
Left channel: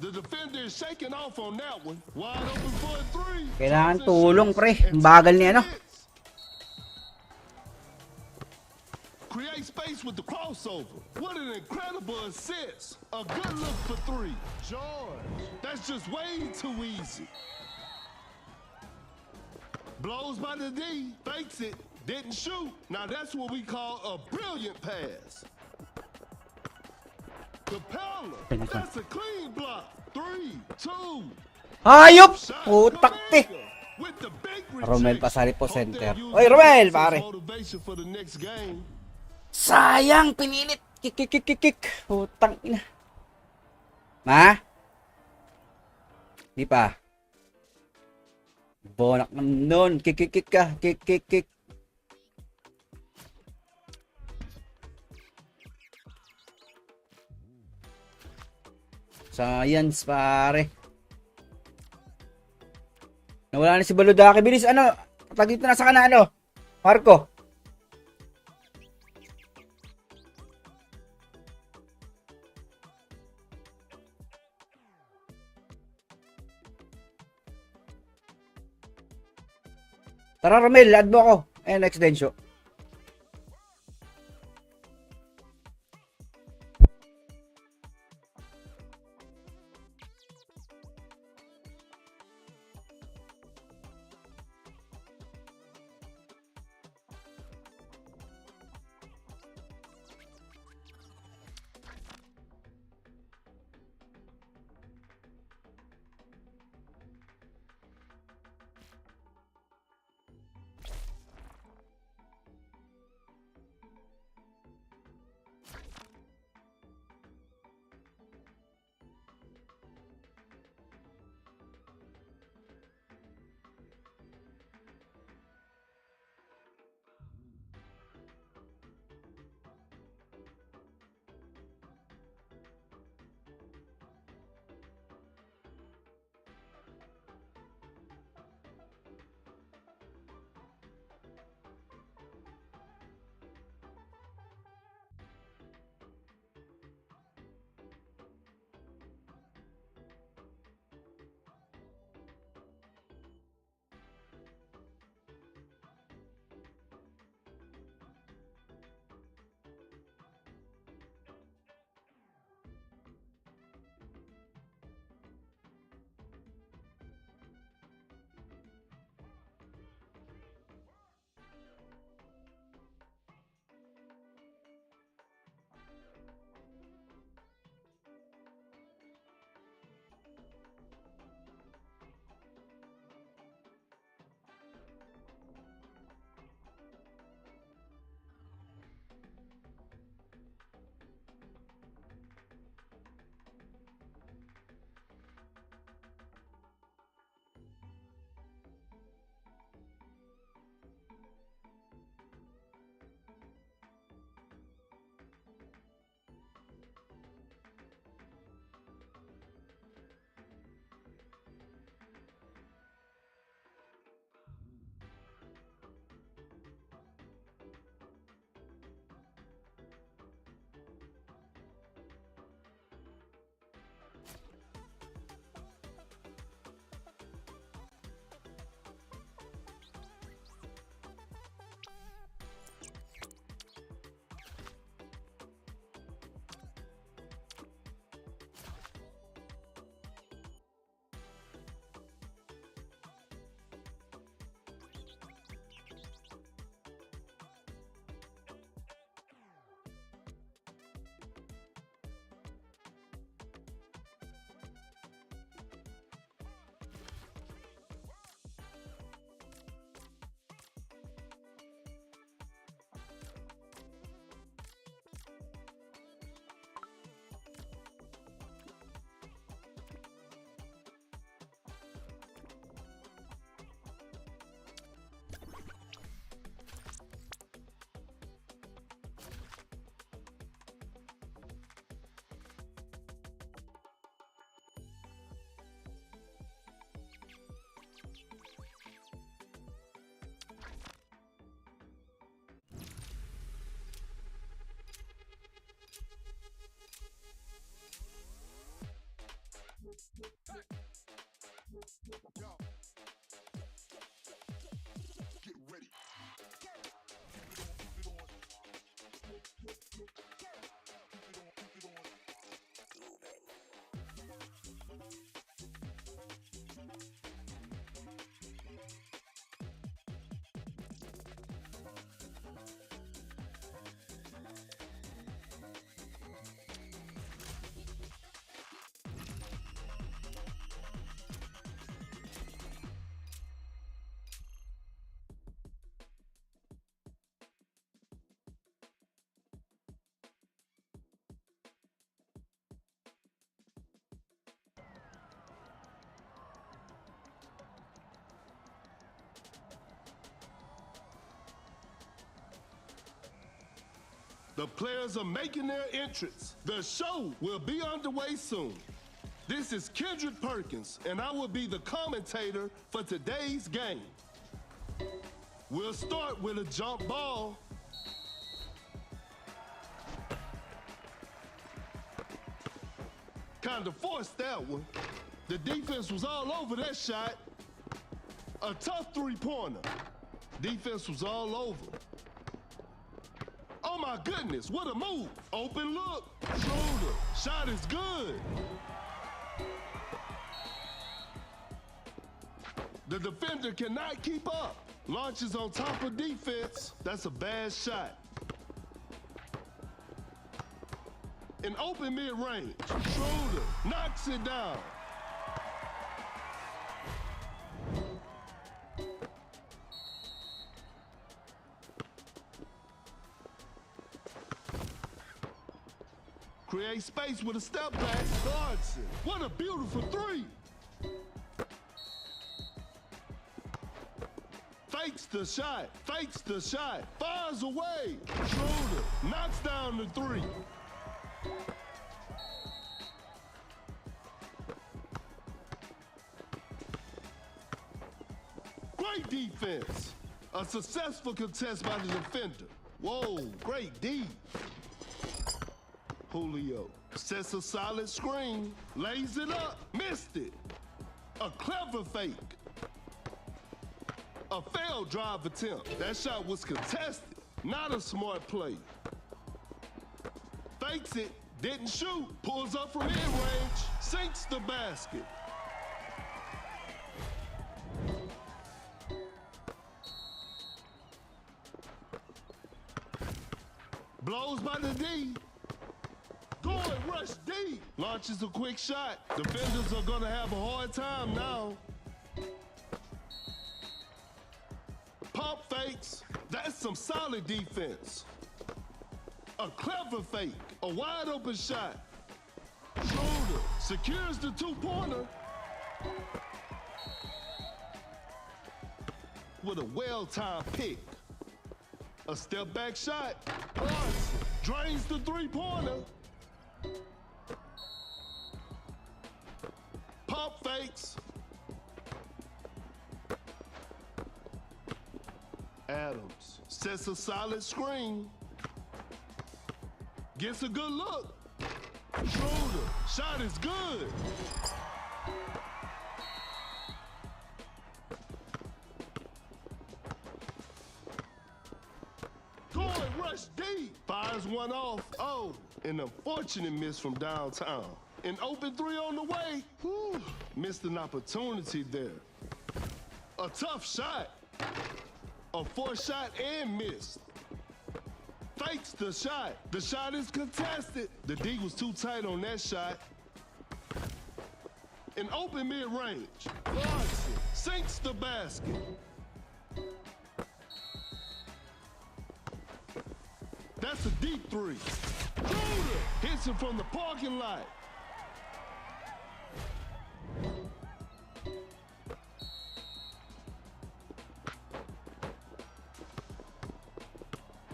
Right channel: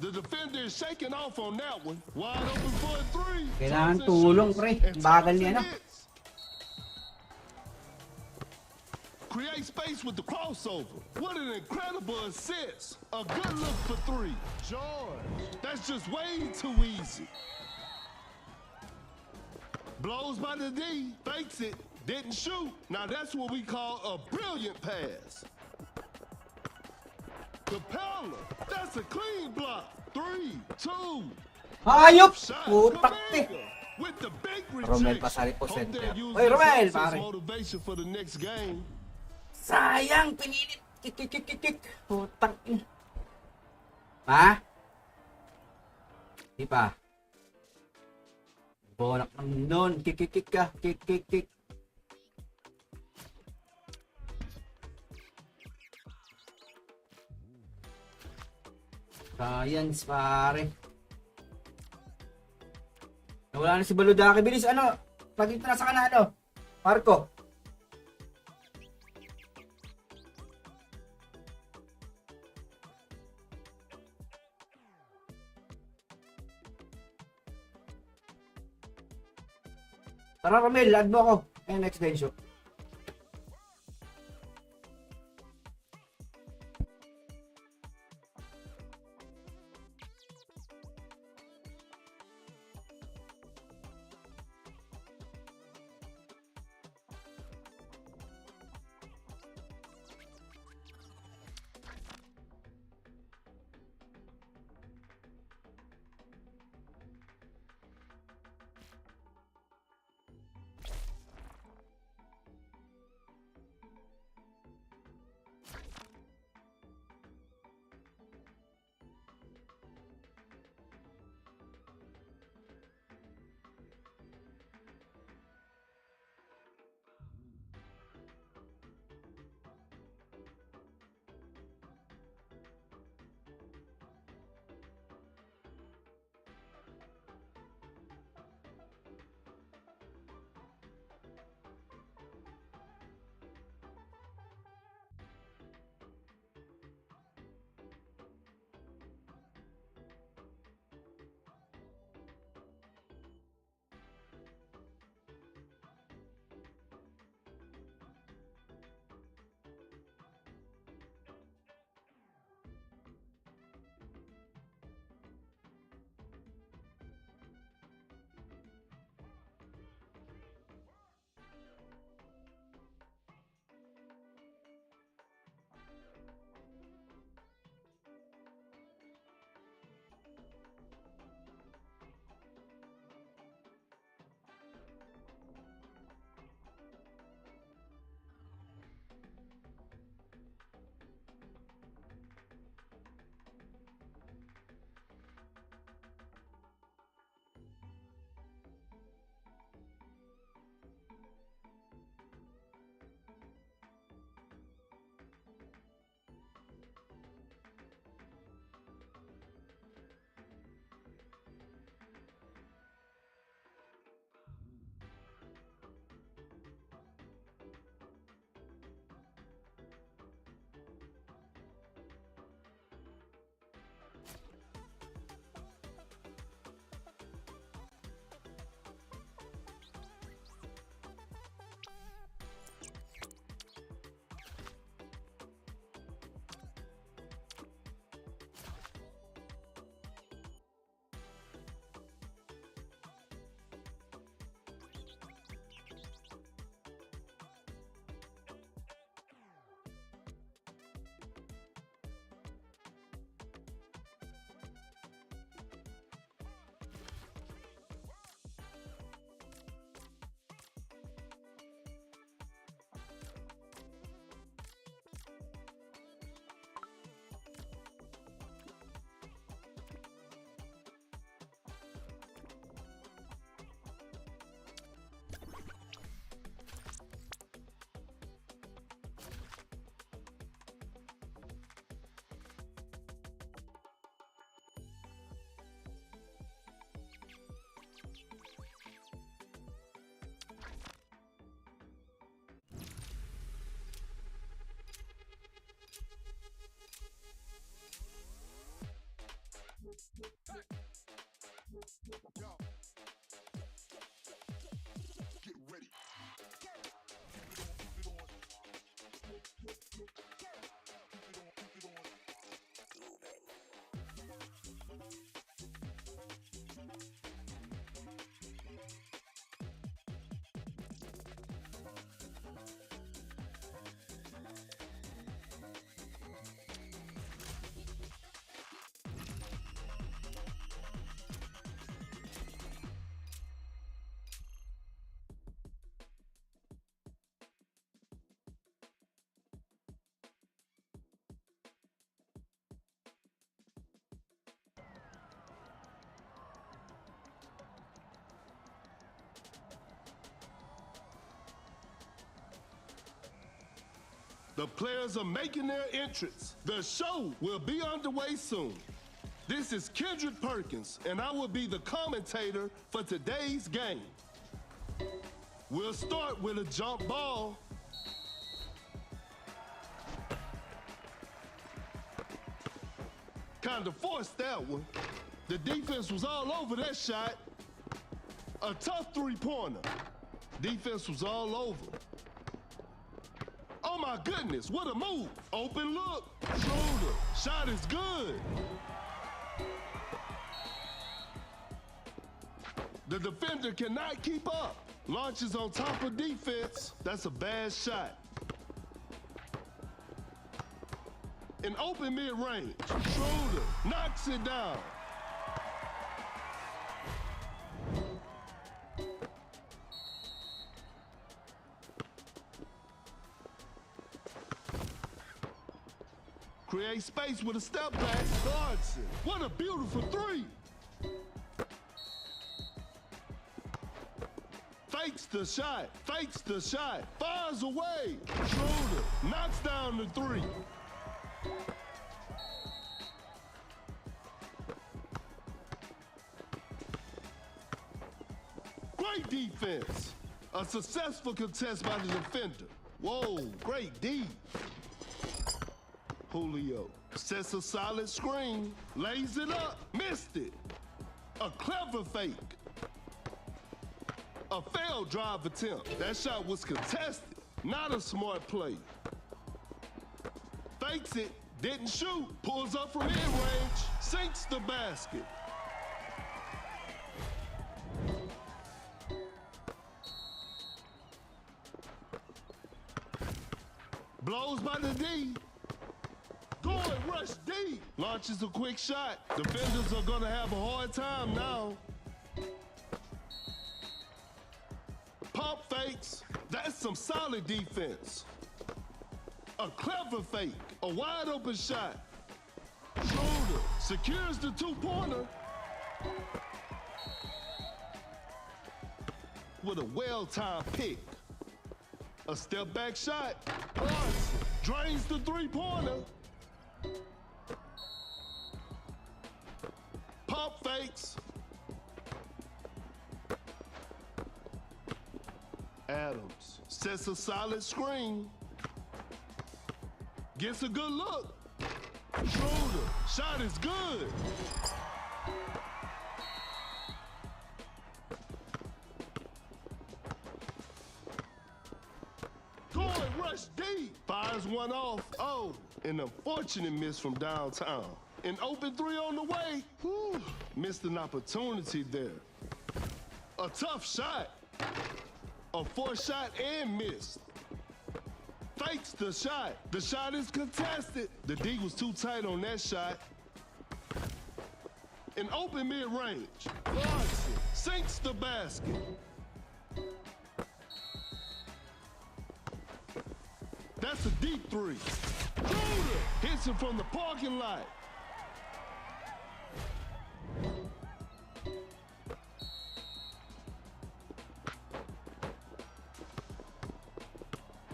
The defender is shaking off on that one. Wide open for a three. Kailangan Thompson tulong, shoots, pre. and Ang bagal ni Thompson ano. hits. Create space with the crossover. What an incredible assist. A good look for three. George. That's just way too easy. Blows by the D. Fakes it. Didn't shoot. Now that's what we call a brilliant pass. Capella. That's a clean block. 3, 2. Hayop! Shot. Putak te! Kaminga with the big Romel rejection. Pasari po Hope center. they'll use Oy, this Romel, as pare. motivation for the next game. Sayang, pinilit. Kik. Putang ina. Ma? Di pa. Bonak naman nun. Kik ka. Kik. Science, pare. Nawala na si Baludaki. Bilis, ano? Pag dito nasa ka na, ano? Marco. Tara, Romel, add mo ako. Ayan, next densyo. The players are making their entrance. The show will be underway soon. This is Kendrick Perkins, and I will be the commentator for today's game. We'll start with a jump ball. Kind of forced that one. The defense was all over that shot. A tough three-pointer. Defense was all over. Oh my goodness, what a move. Open look, shoulder, shot is good. The defender cannot keep up. Launches on top of defense. That's a bad shot. In open mid-range, shoulder, knocks it down. Create space with a step back, guards it. What a beautiful three. Fakes the shot, fires away, shoulder, knocks down the three. Great defense. A successful contest by the defender. Whoa, great D. Julio sets a solid screen, lays it up, missed it. A clever fake. A failed drive attempt. That shot was contested, not a smart play. Fakes it, didn't shoot, pulls up from mid-range, sinks the basket. Blows by the D. Going rush D. Launches a quick shot. Defenders are gonna have a hard time now. Pump fakes. That's some solid defense. A clever fake. A wide open shot. Shoulder. Secures the two-pointer. With a well-timed pick. A step back shot. Drains the three-pointer. Pump fakes. Adams sets a solid screen. Gets a good look. Shoulder. Shot is good. Going rush deep. Fires one off. Oh, an unfortunate miss from downtown. An open three on the way. Whew. Missed an opportunity there. A tough shot. A forced shot and missed. Fakes the shot. The shot is contested. The D was too tight on that shot. An open mid-range. Larson sinks the basket. That's a deep three. Shooter hits it from the parking lot.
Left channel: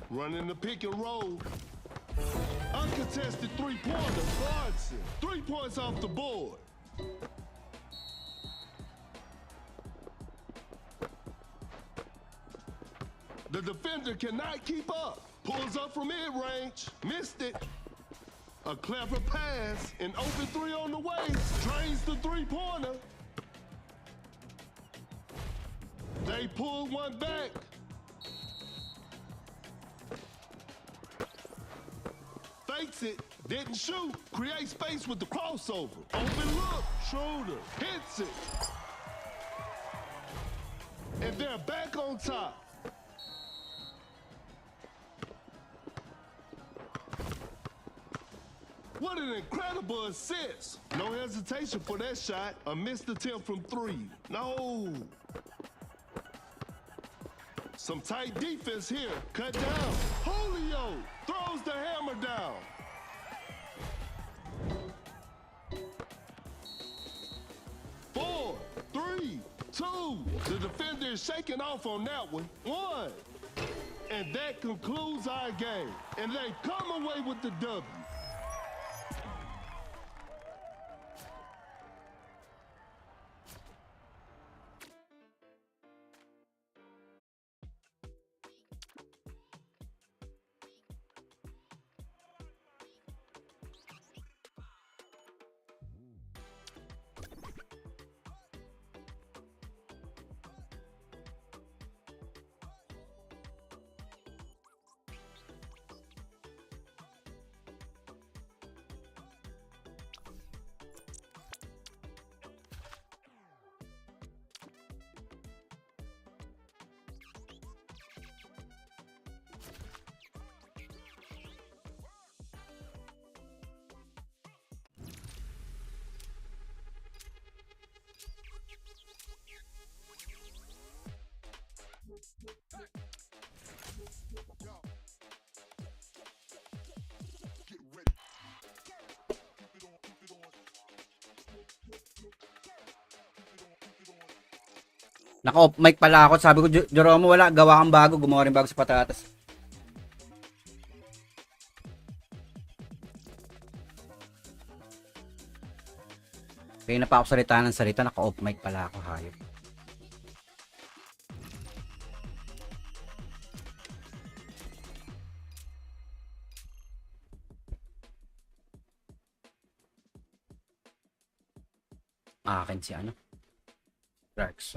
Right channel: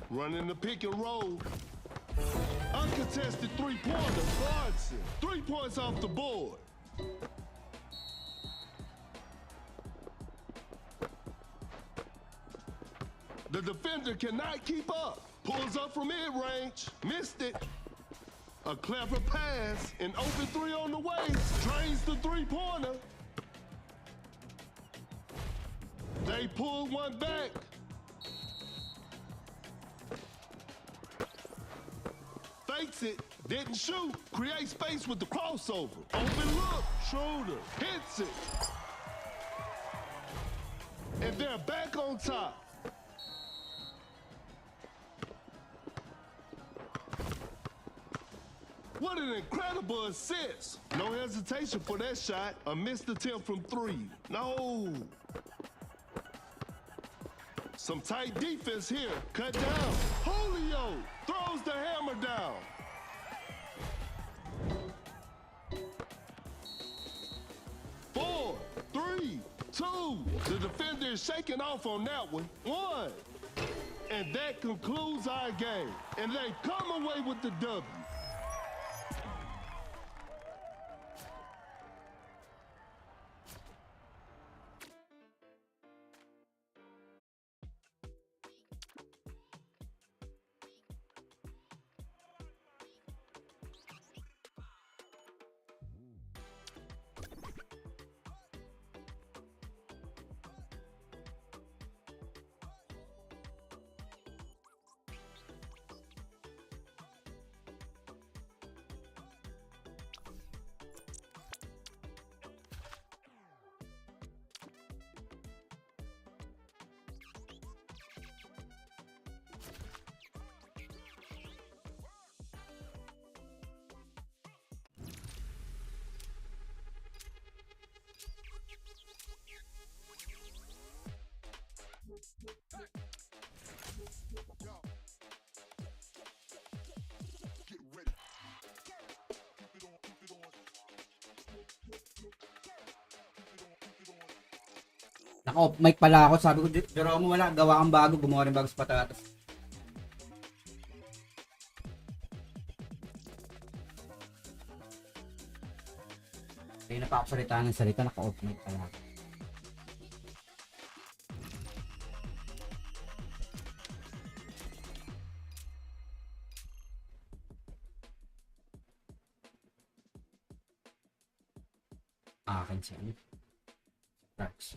Running the pick and roll. Uncontested three-pointer. Larson. 3 points off the board. The defender cannot keep up. Pulls up from mid-range. Missed it. A clever pass. An open three on the way. Drains the three-pointer. They pull one back. Fakes it, didn't shoot, create space with the crossover. Open look, shoulder, hits it. And they're back on top. What an incredible assist. No hesitation for that shot. A missed attempt from three. No. Some tight defense here. Cut down. Julio throws the hammer down. Four, three, two. The defender is shaking off on that one. One. And that concludes our game. And they come away with the W. Naka-off mic pala ako. Sabi ko, Jeromo, wala. Gawa kang bago. Gumawa rin bago sa patatas. Kaya na pa ako salita ng salita. Naka-off mic pala ako. Hayop. Akin si ano? Rex.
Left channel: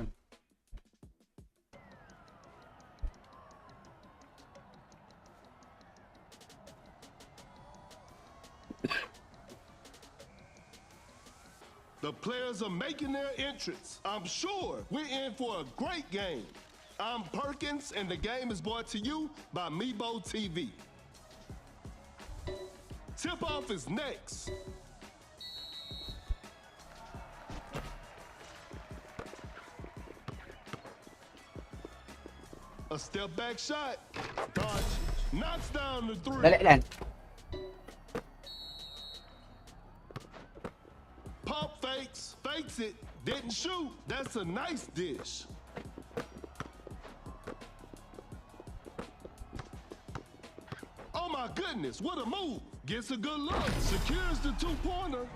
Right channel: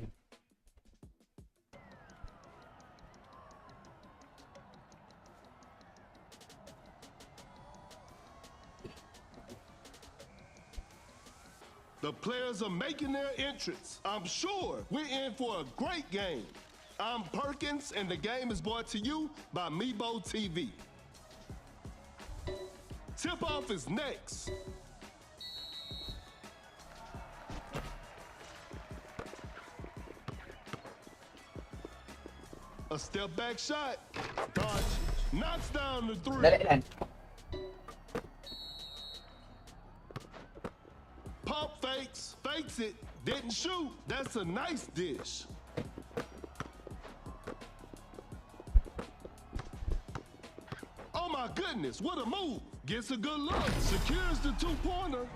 The players are making their entrance. I'm sure we're in for a great game. I'm Perkins, and the game is brought to you by Meebo TV. Tip-off is next. A step back shot. Dodge. Knocks down the three. Dali lang. Pump fakes. Fakes it. Didn't shoot. That's a nice dish. Oh my goodness, what a move. Gets a good look. Secures the two-pointer.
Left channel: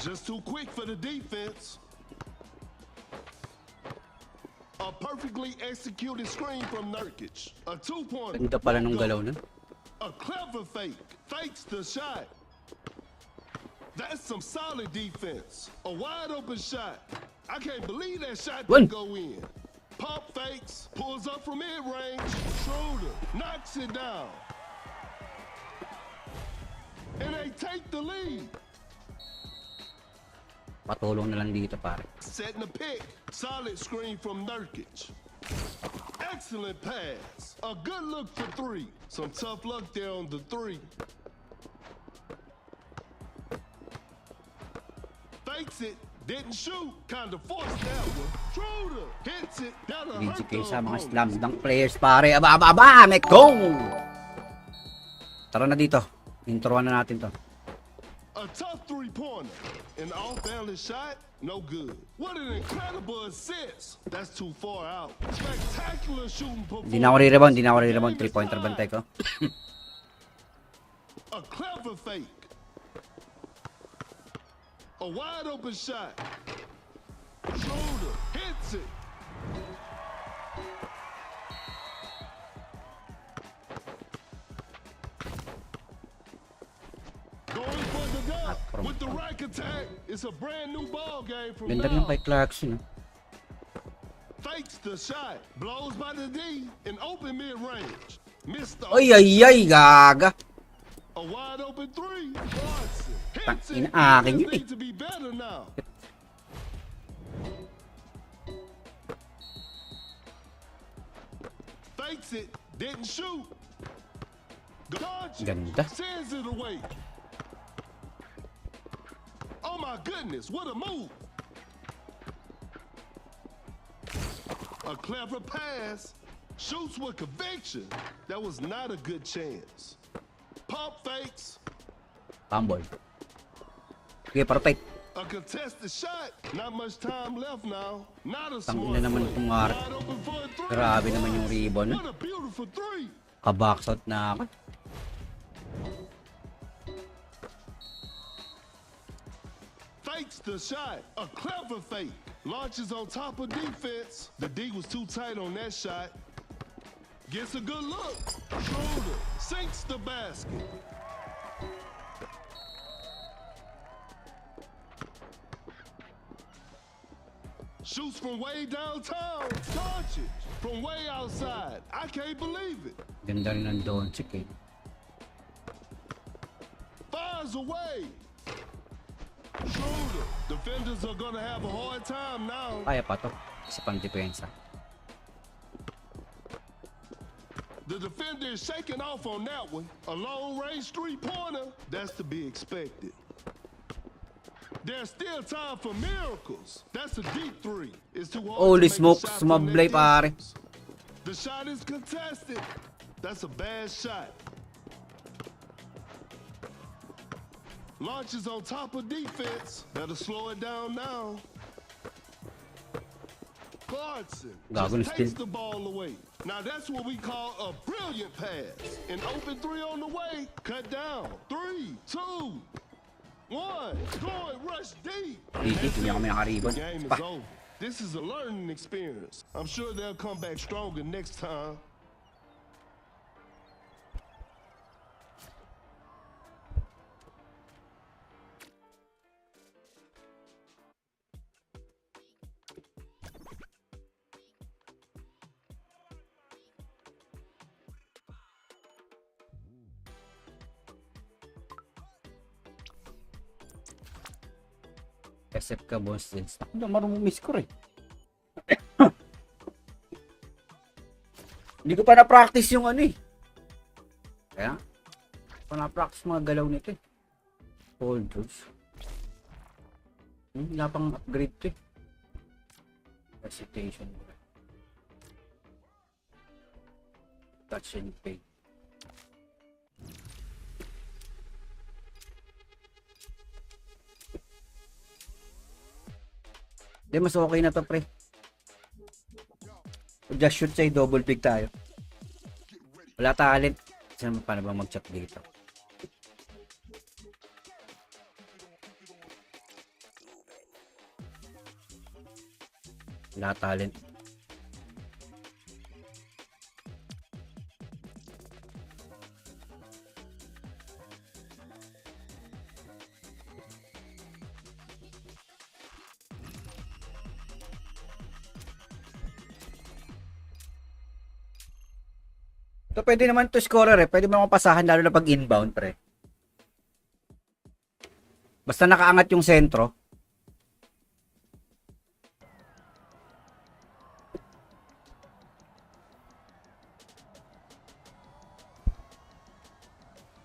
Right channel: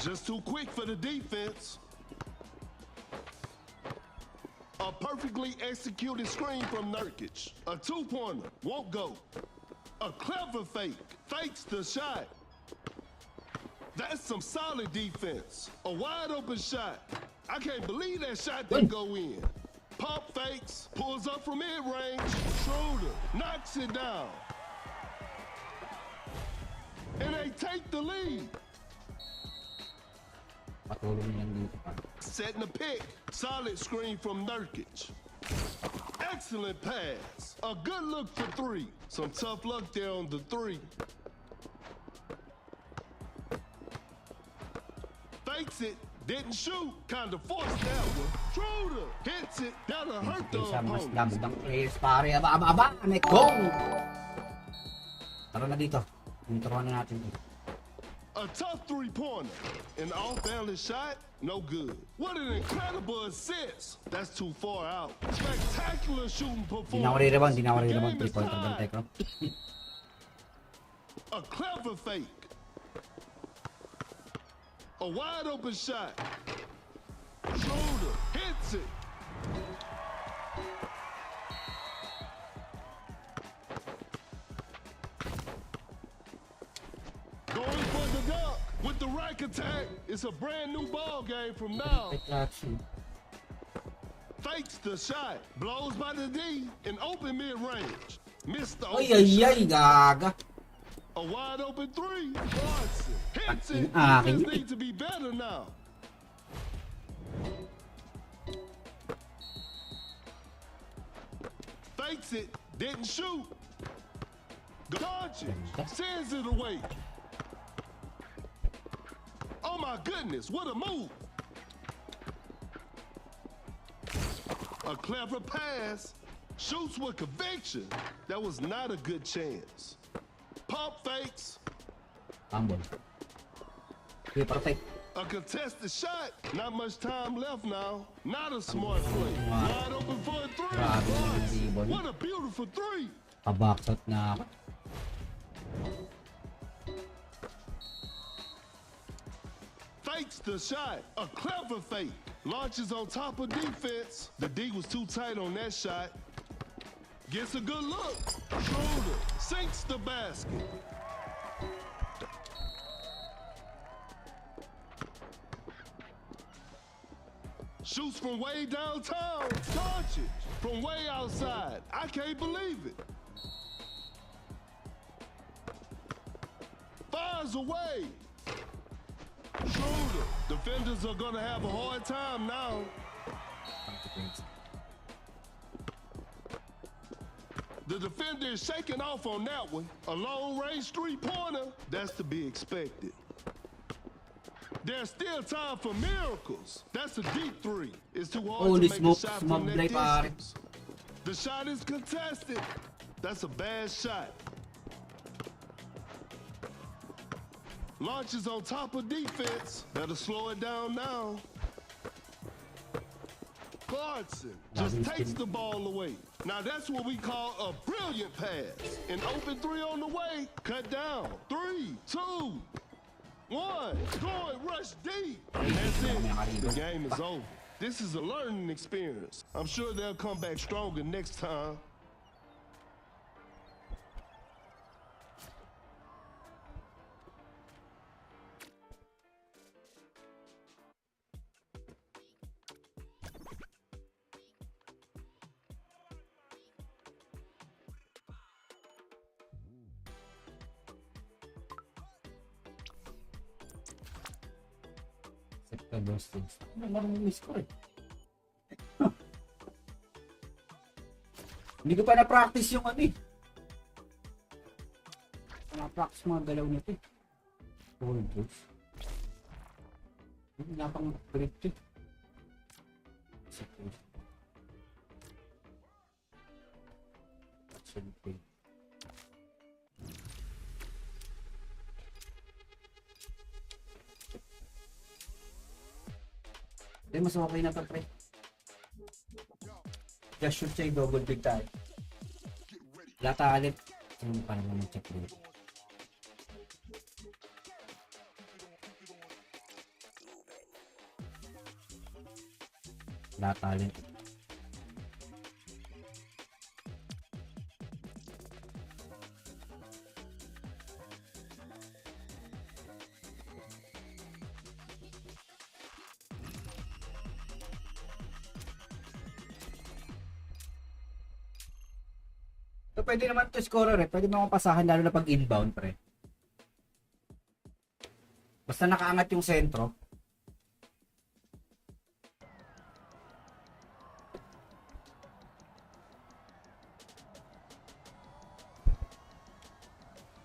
Just too quick for the defense. A perfectly executed screen from Nurkic. A two-pointer. Ganda pala nung galaw nun. A clever fake. Fakes the shot. That's some solid defense. A wide open shot. I can't believe that shot didn't go in. Pump fakes. Pulls up from mid-range. Schroeder knocks it down. And they take the lead. Patulong na lang dito, pare. Setting the pick. Solid screen from Nurkic. Excellent pass. A good look for three. Some tough luck there on the three. Fakes it. Didn't shoot. Kinda forced that one. Schroeder hits it. That'll hurt the Sa mga opponent. slam dunk players, pare. Aba, may go! Tara na dito. Introan na natin to. A tough three-pointer. An off-balance shot, no good. What an incredible assist. That's too far out. Spectacular shooting performance. Hindi na ako re-rebound. Hindi na ako re-rebound. 3-pointer bantay ko. A clever fake. A wide open shot. Shoulder hits it. Going for the dunk with the right attack. It's a brand new ball game from Ganda rin now. kay Clarkson. Fakes the shot. Blows by the D in open mid-range. Missed the Ay, gaga. A wide open three. Watson hits it. Akin Defense yun eh. need to be better now. Fakes it. Didn't shoot. Dodge it. Ganda. Sends it away. Oh my goodness, what a move. A clever pass. Shoots with conviction. That was not a good chance. Pump fakes. Pambol. Okay, perfect. A contested shot. Not much time left now. Not a Tangina smart naman play. itong Mara. Wide open for a three. Grabe naman yung ribbon. What a beautiful three. Kaboxout na ako. Fakes the shot. A clever fake. Launches on top of defense. The D was too tight on that shot. Gets a good look. Schroeder sinks the basket. Shoots from way downtown. Doncic from way outside. I can't believe it. Ganda rin ng Doncic eh. Fires away. Schroeder. Defenders are gonna have a hard time now. Kaya pa to. Isa pang depensa. The defender is shaking off on that one. A long-range three-pointer. That's to be expected. There's still time for miracles. That's a deep three. It's too hard Holy to make smoke, a shot smoke from that play, pare. distance. The shot is contested. That's a bad shot. Launches on top of defense. Better slow it down now. Clarkson just Goggins takes spin. the ball away. Now that's what we call a brilliant pass. An open three on the way. Cut down. 3, 2, 1. Going rush deep. And that's Hindi kami it. nakaribon. The game is Pa. over. This is a learning experience. I'm sure they'll come back stronger next time. SF ka, boss. Ako na marunong miss-score eh. Hindi ko pa na-practice yung ano eh. Kaya, hindi ko na-practice mga galaw nito eh. Hold those. Wala pang upgrade to eh. Recitation. Touch and pay. Hindi, mas okay na to, pre. Just shoot sa'yo, double pick tayo. Wala talent. Saan paano ba mag-chop dito? Wala talent. So, pwede naman to scorer eh. Pwede mo pasahan lalo na pag inbound, pre. Basta nakaangat yung sentro.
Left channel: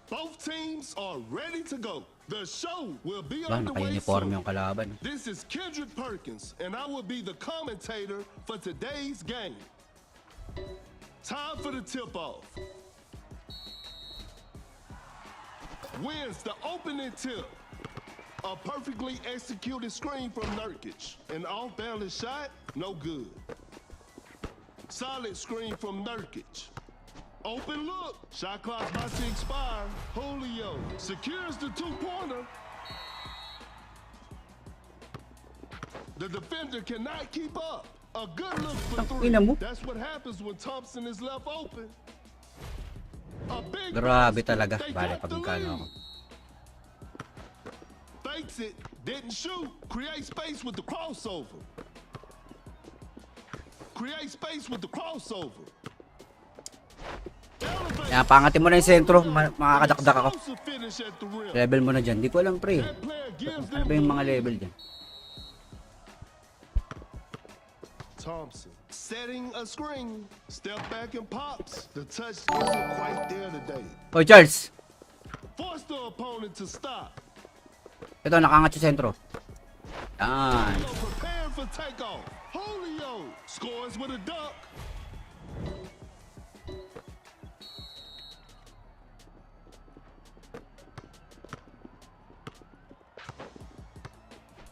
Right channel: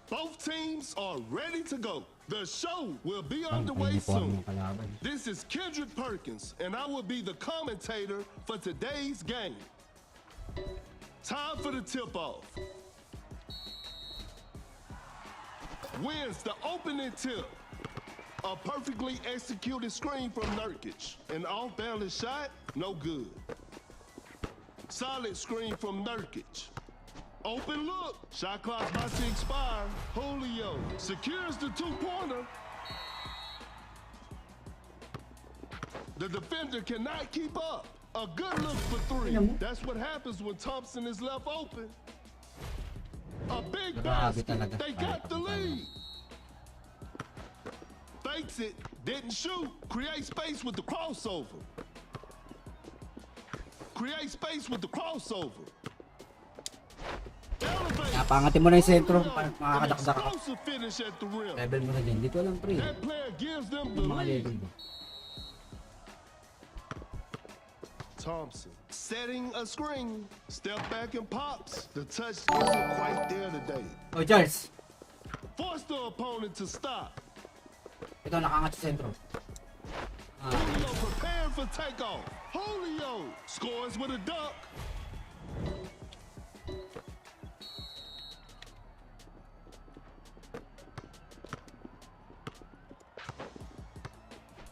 Both teams are ready to go. The show will be Bang, underway naka-uniform soon. yung kalaban. This is Kendrick Perkins, and I will be the commentator for today's game. Time for the tip-off. Wins the opening tip. A perfectly executed screen from Nurkic. An off-balance shot, no good. Solid screen from Nurkic. Open look. Shot clock's about to expire. Julio secures the two-pointer. The defender cannot keep up. A good look for three. Ina mo. That's what happens when Thompson is left open. A big Grabe basket. talaga. They Bale got the pagkano. lead. Fakes it. Didn't shoot. Create space with the crossover. Create space with the crossover. Elevate. Kaya pangatin mo na yung sentro. Makakadakdak ako. Explosive finish at the rim. Level mo na dyan. Di ko alam, pre. That player gives them Ano ba the yung mga lead. level dyan? Thompson setting a screen. Step back and pops. The touch isn't quite there today. Oh, Charles. Force the opponent to stop. Ito, nakaangat yung sentro. Julio prepared for takeoff. Julio scores with a dunk.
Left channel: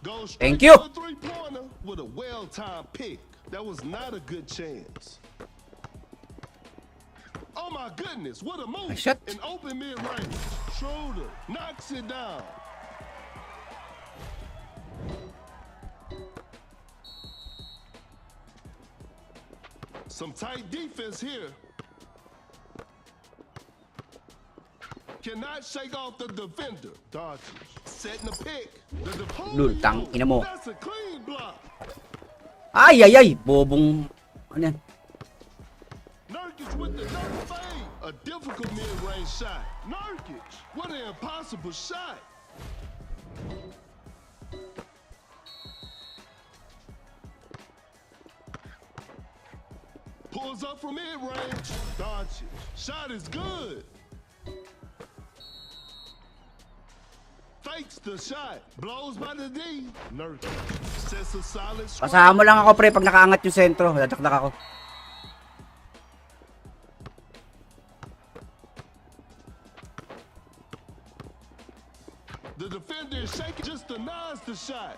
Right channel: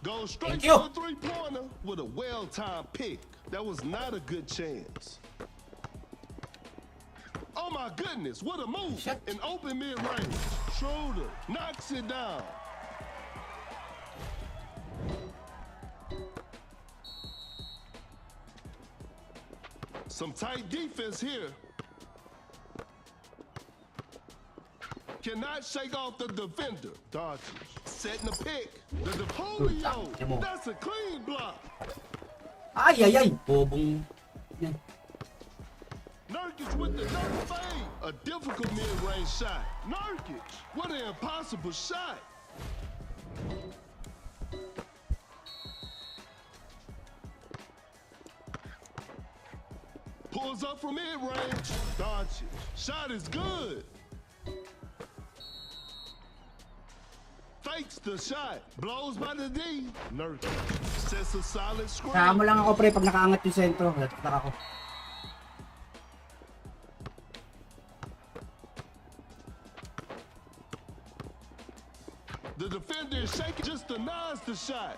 Goes Thank straight you. for the three-pointer with a well-timed pick. That was not a good chance. Oh my goodness, what a move. Shot. In open mid-range. Schroeder knocks it down. Some tight defense here. Cannot shake off the defender. Dodges. Setting the pick. The Lul, tang ina mo. That's a clean block. Ay, ay, ay. Bobong. Ano yan? Nurkic with the dunk fade. A difficult mid-range shot. Nurkic, what an impossible shot. Pulls up from mid-range. Doncic. Shot is good. Fakes the shot. Blows by the D. Nurkic sets a solid screen. Kasama lang ako, pre, pag nakaangat yung sentro. Tataktak ako. The defender is shaking, just denies the shot.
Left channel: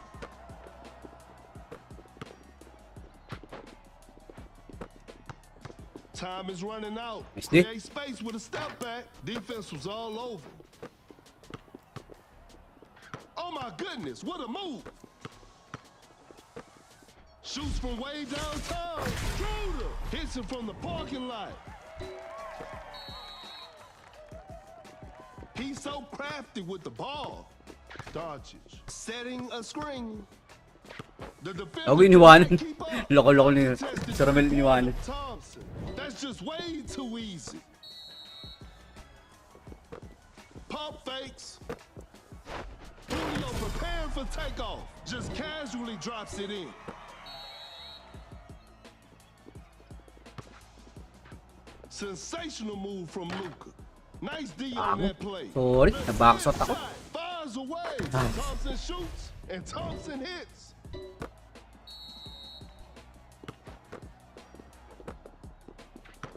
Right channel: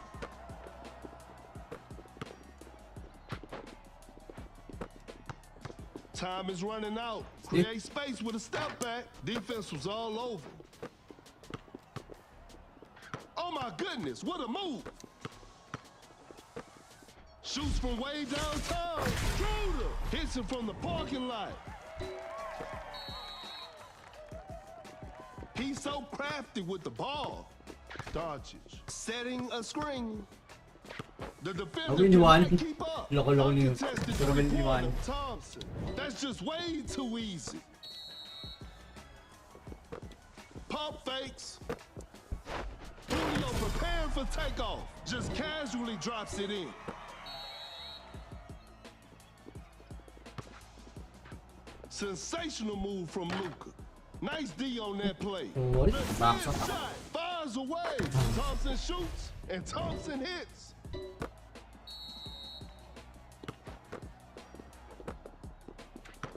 Time is running out. Missed it. Create space with a step back. Defense was all over. Oh my goodness, what a move. Shoots from way downtown. Schroeder hits it from the parking lot. He's so crafty with the ball. Doncic setting a screen. The defender Ako iniwanan. cannot keep up. Loko-loko ni Uncontested Sir Mel iniwanan. Thompson. That's just way too easy. Pump fakes. Julio preparing for takeoff. Just casually drops it in. Sensational move from Luka. Nice D on that play. Sorry, nabackshot ako. Shot fires away. Thompson shoots and Thompson hits.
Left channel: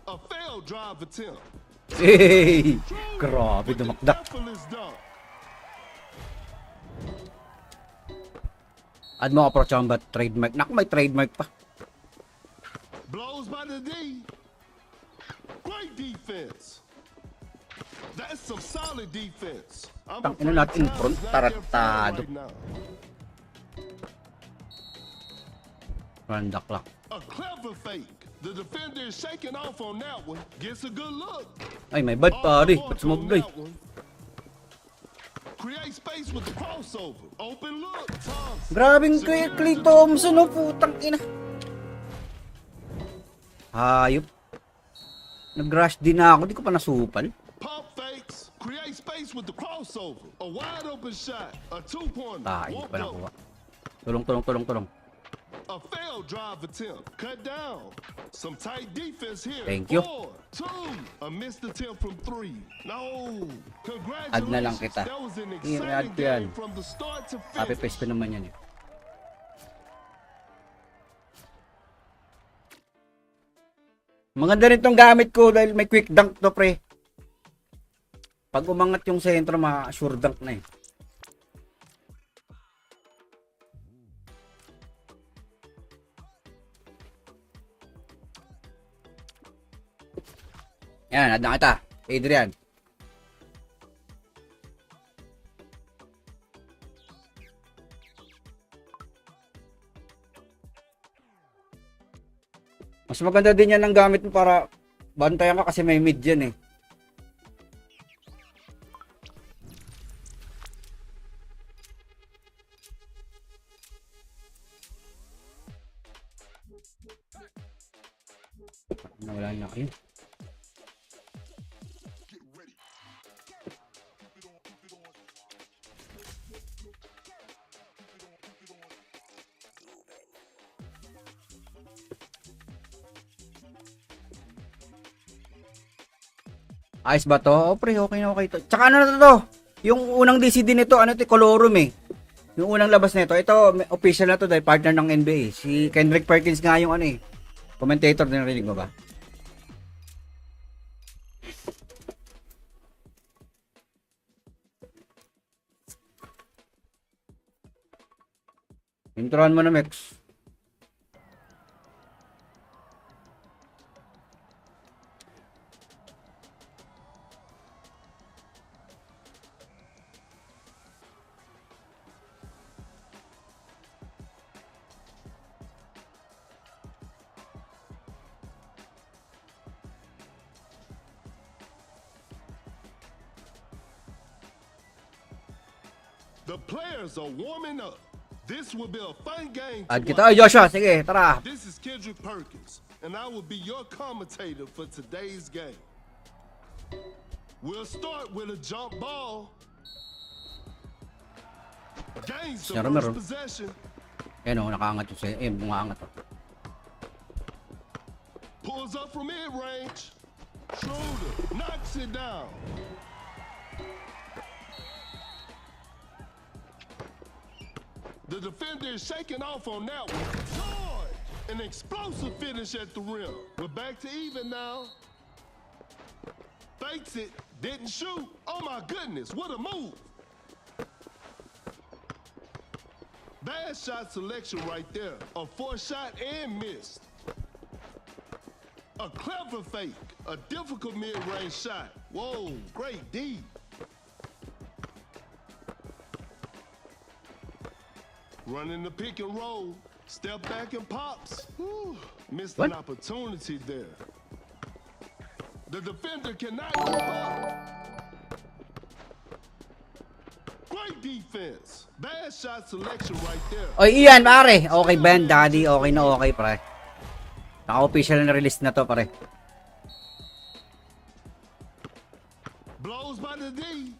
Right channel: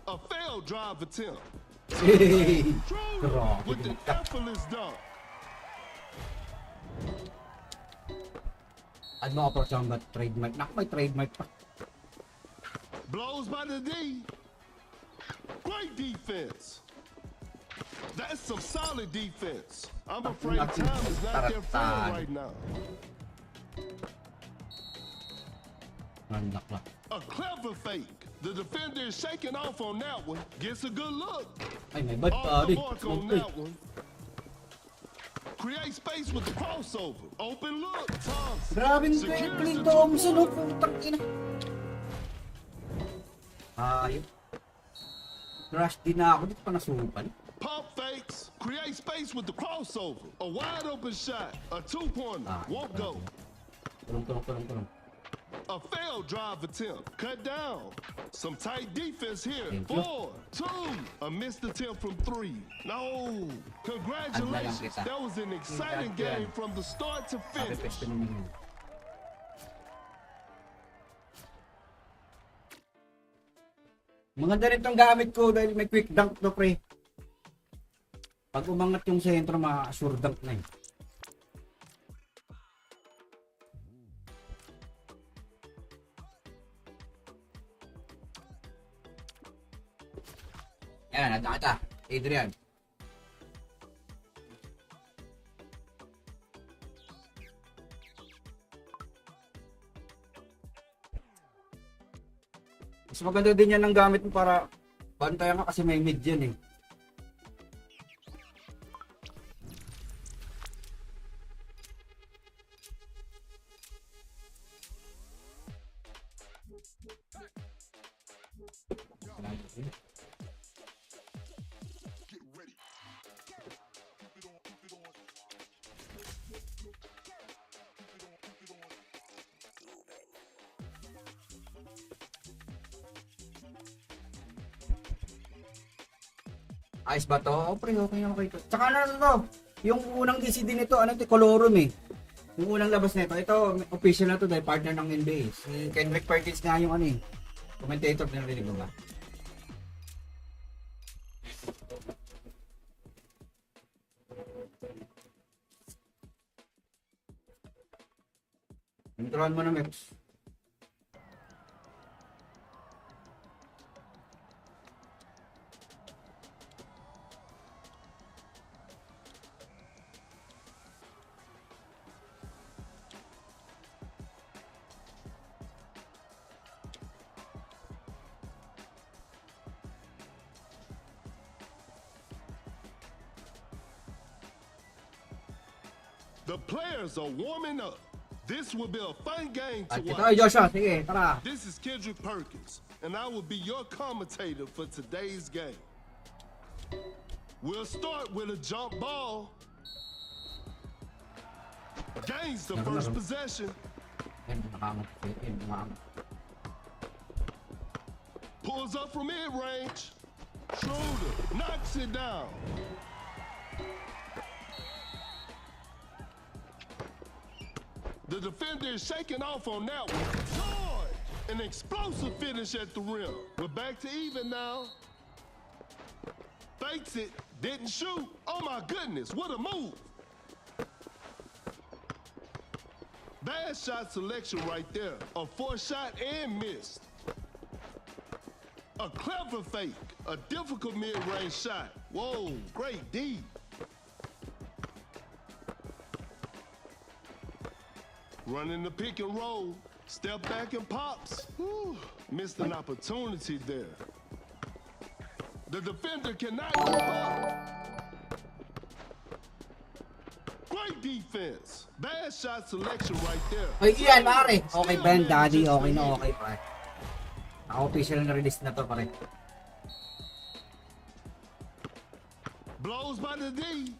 A failed drive attempt. Hey! Schroeder Grabe, with the dumakdak. effortless dunk. Add mo ako, Prochamba, trademark. Naku, may trademark pa. Blows by the D. Great defense. That's some solid defense. I'm Tangina afraid natin, time is not their friend tarantado. right now. Randak lang. A clever fake. The defender is shaking off on that one. Gets a good look. Ay, may bad Off pare. the mark Smoke on guy. that one. Create space with the crossover. Open look. Thompson. Grabing Secures Clay the Thompson, two-point. oh, putang ina. Hayop. Nag-rush din na ako, di ko pa nasupal. Pump fakes. Create space with the crossover. A wide open shot. A two-pointer. Ay, Won't wala go. ko. Tulong. A failed drive attempt. Cut down. Some tight defense here. Thank you. 4, 2. A missed attempt from 3. No. Add na lang Congratulations. kita. That was an Add exciting ko yan. game from the start to Happy finish. pesto naman yan. Maganda rin tong gamit ko dahil may quick dunk to, pre. Pag umangat yung sentro, sure dunk na eh. Yan, add na kita. Adrian. Mas maganda din yan ang gamit mo para bantayan ka kasi may mid yan eh. Nawala niya kayo. Ayos ba to? Oh, pre, okay na okay to. Tsaka ano na to? Yung unang DCD nito, ano to, Colorum eh. Yung unang labas nito, ito official na to dahil partner ng NBA. Si Kendrick Perkins nga yung ano eh. Commentator din, narinig mo ba? Turuan mo na, Mex. The players are warming up. This will be a fun game to At kita, watch. Joshua. Sige, tara. This is Kendrick Perkins, and I will be your commentator for today's game. We'll start with a jump ball. Gains the Meron, first meron. possession. Ayan o, nakaangat yung sa'yo. Eh, bumangat. Pulls up from mid-range. Schroeder knocks it down. The defender is shaking off on that one. George! An explosive finish at the rim. We're back to even now. Fakes it, didn't shoot. Oh my goodness, what a move. Bad shot selection right there. A forced shot and missed. A clever fake. A difficult mid-range shot. Whoa, great D. Running the pick and roll. Step back and pops. Whew, missed an opportunity there. The defender cannot keep up. Great defense. Bad shot selection right there. Oy, Ian, pare. Okay ba yan, Daddy? Okay na okay, pre. Naka-official na release na to, pare. Blows by the D.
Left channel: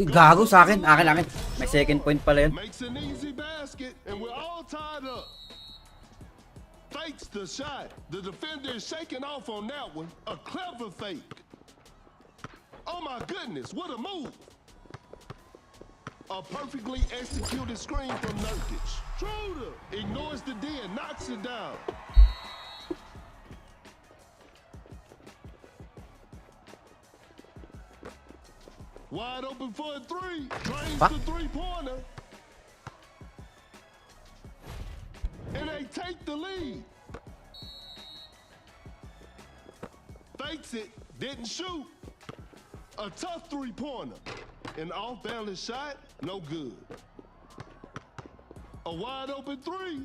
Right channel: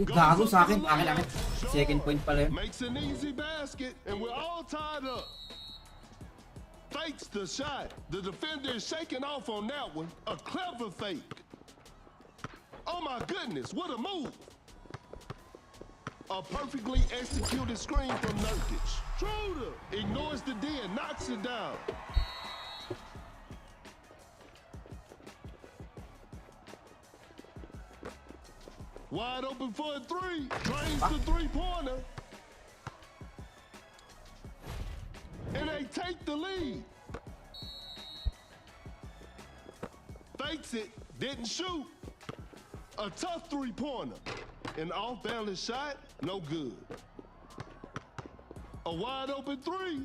Uy, gago sa akin. Akin. May second point pala yun. Makes an easy basket, and we're all tied up. Fakes the shot. The defender is shaking off on that one. A clever fake. Oh my goodness, what a move. A perfectly executed screen from Nurkic. Schroeder ignores the D and knocks it down. Wide open for a three. Drains the three-pointer. And they take the lead. Fakes it, didn't shoot. A tough three-pointer. An off-balance shot, no good. A wide open three.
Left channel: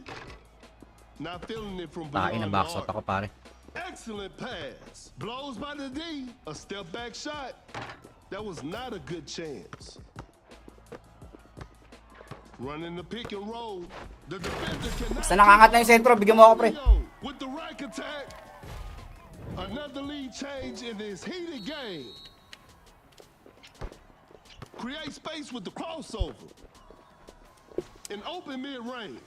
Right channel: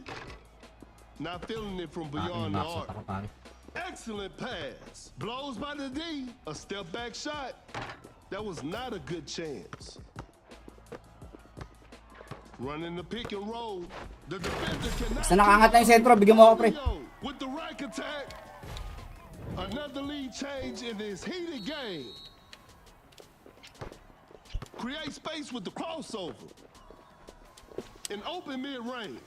Not feeling it from Takin beyond na the backshot arc. ako, pare. Excellent pass. Blows by the D. A step back shot. That was not a good chance. Running the pick and roll. The defender cannot. Basta nakaangat na yung sentro, bigyan mo ako, pre. With the rack attack. Another lead change in this heated game. Create space with the crossover. An open mid-range.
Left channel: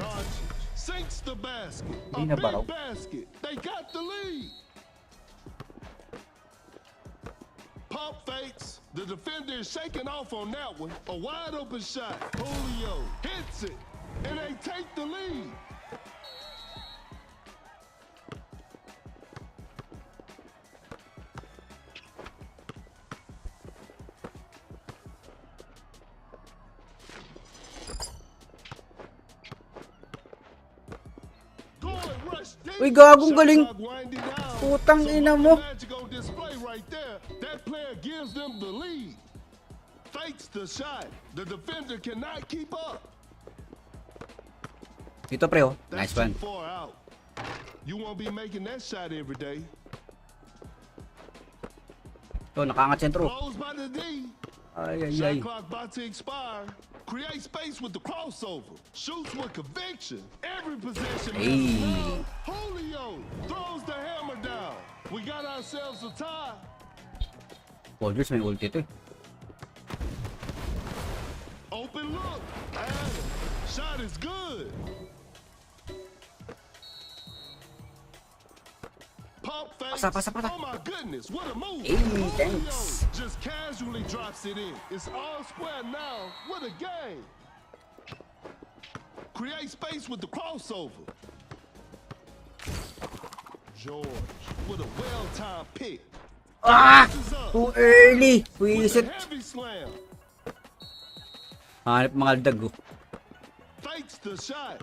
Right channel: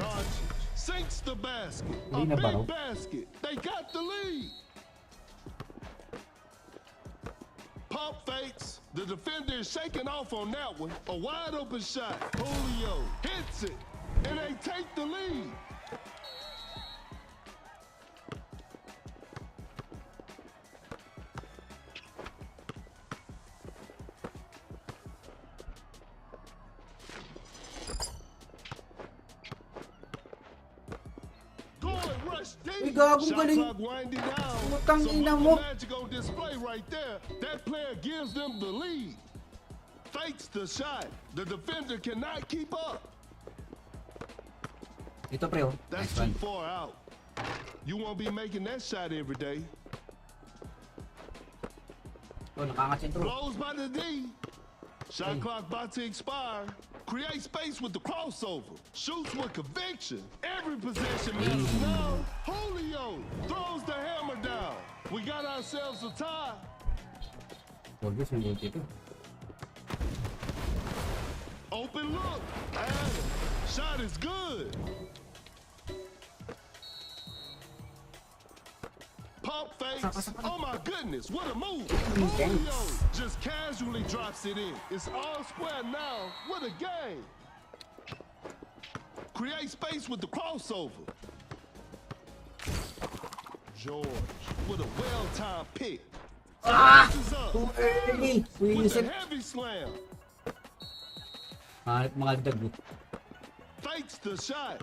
Doncic sinks the basket. A big basket. They got the lead. Pump fakes. The defender is shaking off on that one. A wide open shot. Julio hits it. And they take the lead. Uy, gagong galing. Putang ina mo. Magic on display right there. That player gives them the lead. Fakes the shot. The defender cannot keep up. Dito, pre, oh. That's Nice one. too far out. You won't be making that shot every day. Ito, nakaangat sentro. Blows by the D. Ay. Shot clock about to expire. Create space with the crossover. Shoots with conviction. Every possession matters now. Julio throws the hammer down. We got ourselves a tie. Paul-George, may ulti ito, eh. Open look. Adam. Shot is good. Pump face. Pasa. Oh my goodness, what a move. Intense. Julio just casually drops it in. It's all square now. What a game. Create space with the crossover. George with a well-timed pick. Passes up. Too early. With Wisit. a heavy slam. Hanip mga dag, oh. fakes the shot.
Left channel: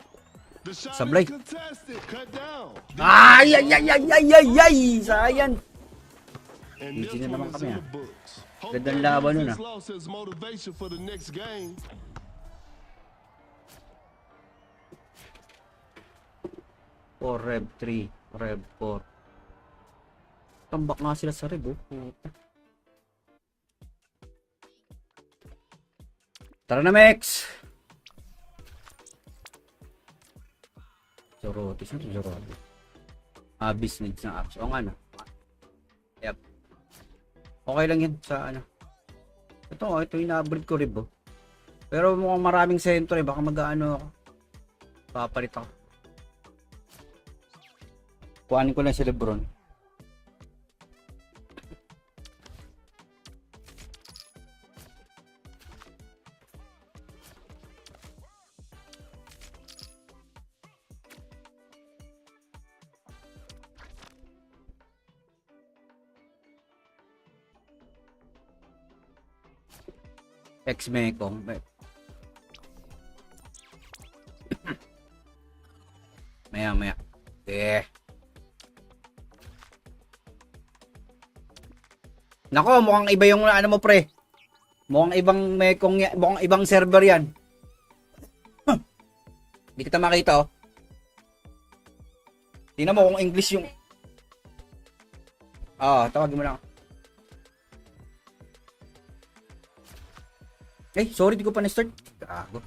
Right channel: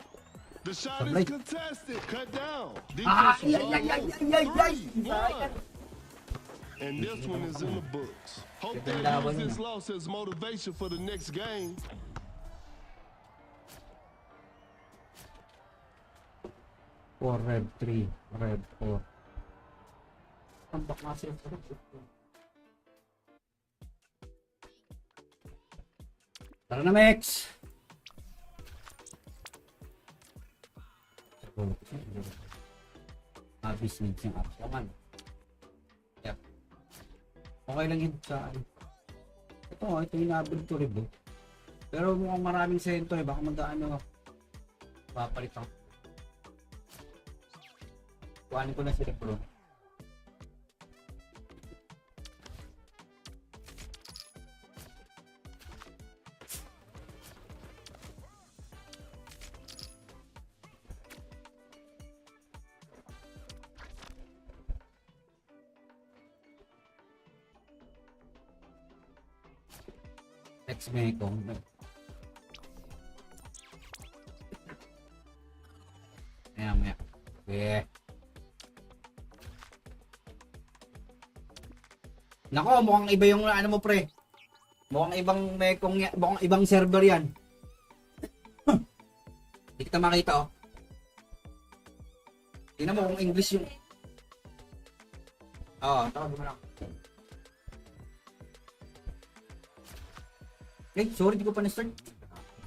The shot Sablay. is contested. Cut down. Ay, ay, ay, ay, ay, ay, ay, sayang. And this one is in the books. Hope Gandang they laban use nun, this loss as motivation for the next game. Four, Rev 3, Rev 4. Tambak nga sila sa Rev, oh. Tara na, Mex! Zorotis, ano Zorotis? Abyss needs ng apps. O nga na. Yep. Okay lang yan sa ano. Ito yung na-upgrade ko Rev, oh. Pero mukhang maraming sentro eh. Baka mag-ano ako. Papalit ako. Kuhanin ko lang si Lebron. Ex-Mekong. Maya. Nako, mukhang iba yung ano mo pre. Mukhang ibang Mekong yan. Mukhang ibang server yan. Hindi kita makita oh. Tingnan mo kung English yung... tawagin mo lang. Sorry, di ko pa na-start. Gago.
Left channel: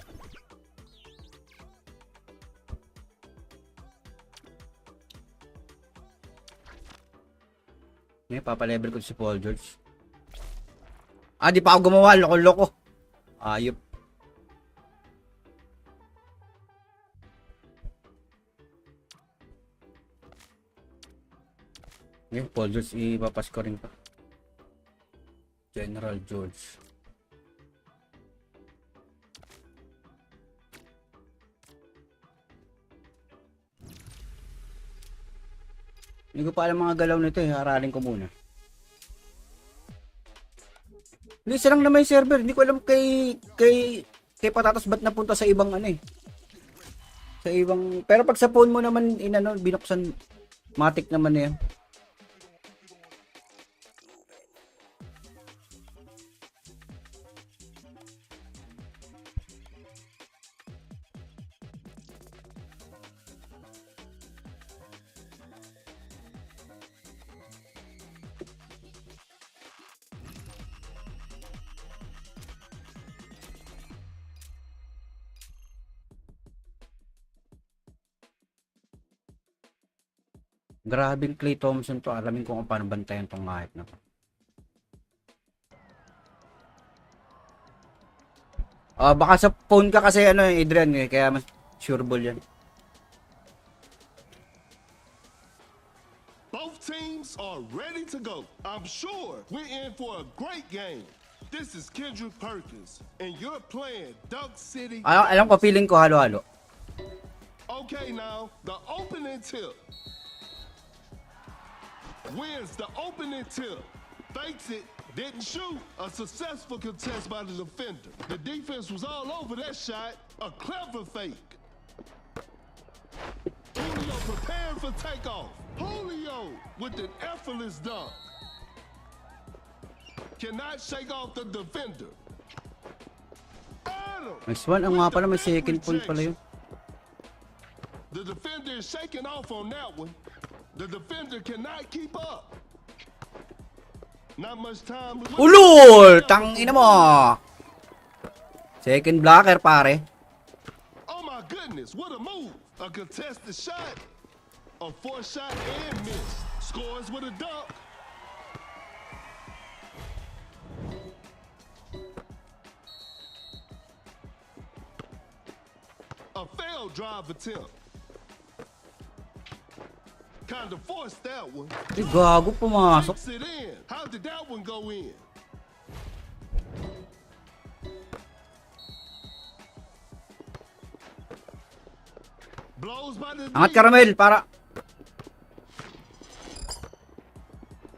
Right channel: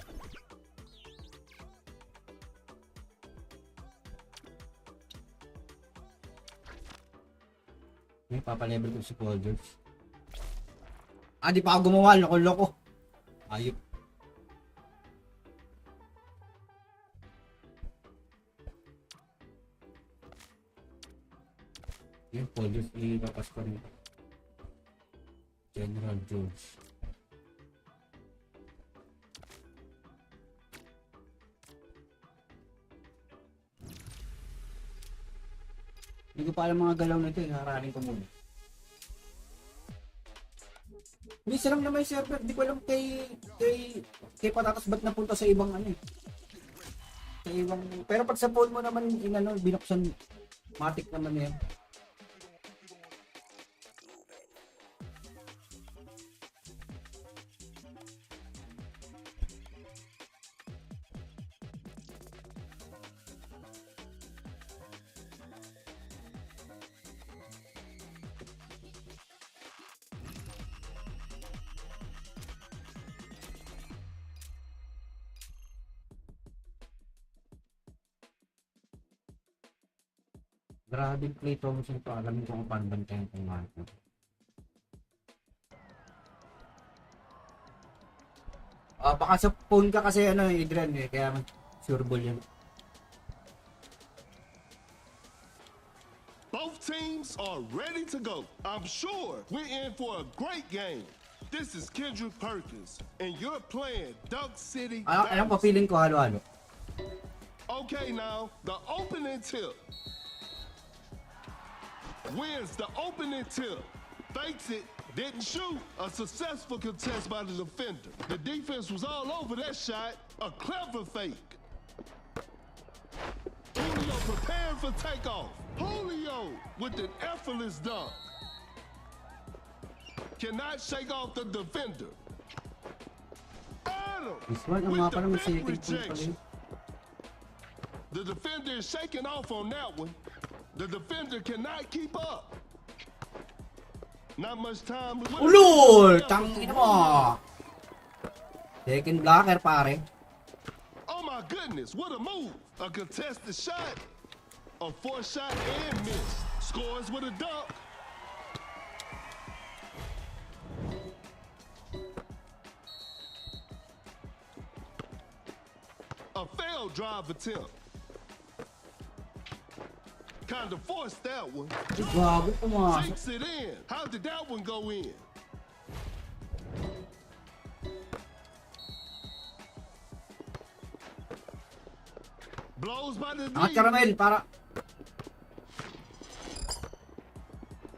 Papalevel ko si Paul George. Di pa ako gumawa. Loko-loko. Ayop. Paul George, ipapas ko rin pa. General George. Hindi ko pa alam mga galaw nito eh. Haralin ko muna. Hindi, isa lang naman yung server. Hindi ko alam kay Patatas ba't napunta sa ibang ano eh. Sa ibang... Pero pag sa phone mo naman, binuksan, matik naman na yan. Grabing Clay Thompson to. Alamin ko kung paano bantayan tong mahit na. Baka sa phone ka kasi Adrian eh. Kaya mas sure ball yan. Both teams are ready to go. I'm sure we're in for a great game. This is Kendrick Perkins and you're playing Duck City. Alam ko, feeling ko halo-halo. Okay, now the opening tip. Wins the opening tip. Fakes it, didn't shoot. A successful contest by the defender. The defense was all over that shot. A clever fake. Julio preparing for takeoff. Julio with an effortless dunk. Cannot shake off the defender. Nice one. Ang nga pala, may second point pala yun. The defender is shaking off on that one. The defender cannot keep up. Not much time. Ulul! Tangina mo! Second blocker, pare. Oh my goodness, what a move. A contested shot. A forced shot and miss. Scores with a dunk. A failed drive attempt. Kind of forced that one. Gago, pumasok. Takes it in. How did that one go in? Blows by the Angat Caramel, para.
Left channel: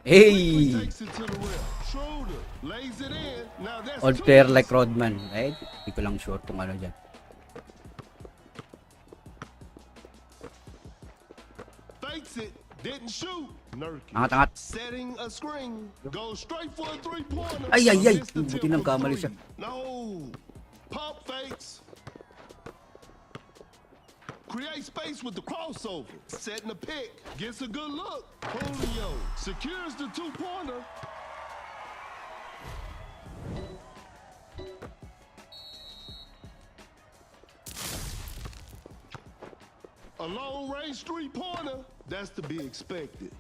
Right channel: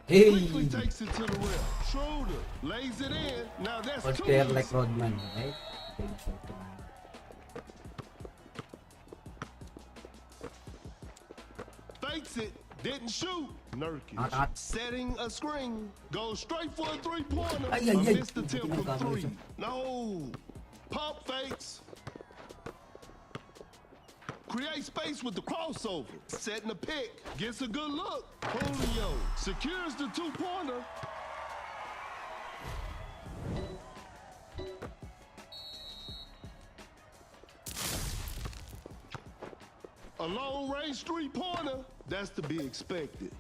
Hey! Takes it to the rim. Schroeder lays it in. Now that's Old player like Rodman. Hindi ko lang sure kung ano dyan. Didn't shoot. Nurkic. Angat. Setting a screen. Goes straight for a three-pointer. Ay. A missed Buti attempt from nagkamali three. siya. No. Pump fakes. Create space with the crossover. Setting a pick. Gets a good look. Julio secures the two-pointer. A long-range three-pointer. That's to be expected.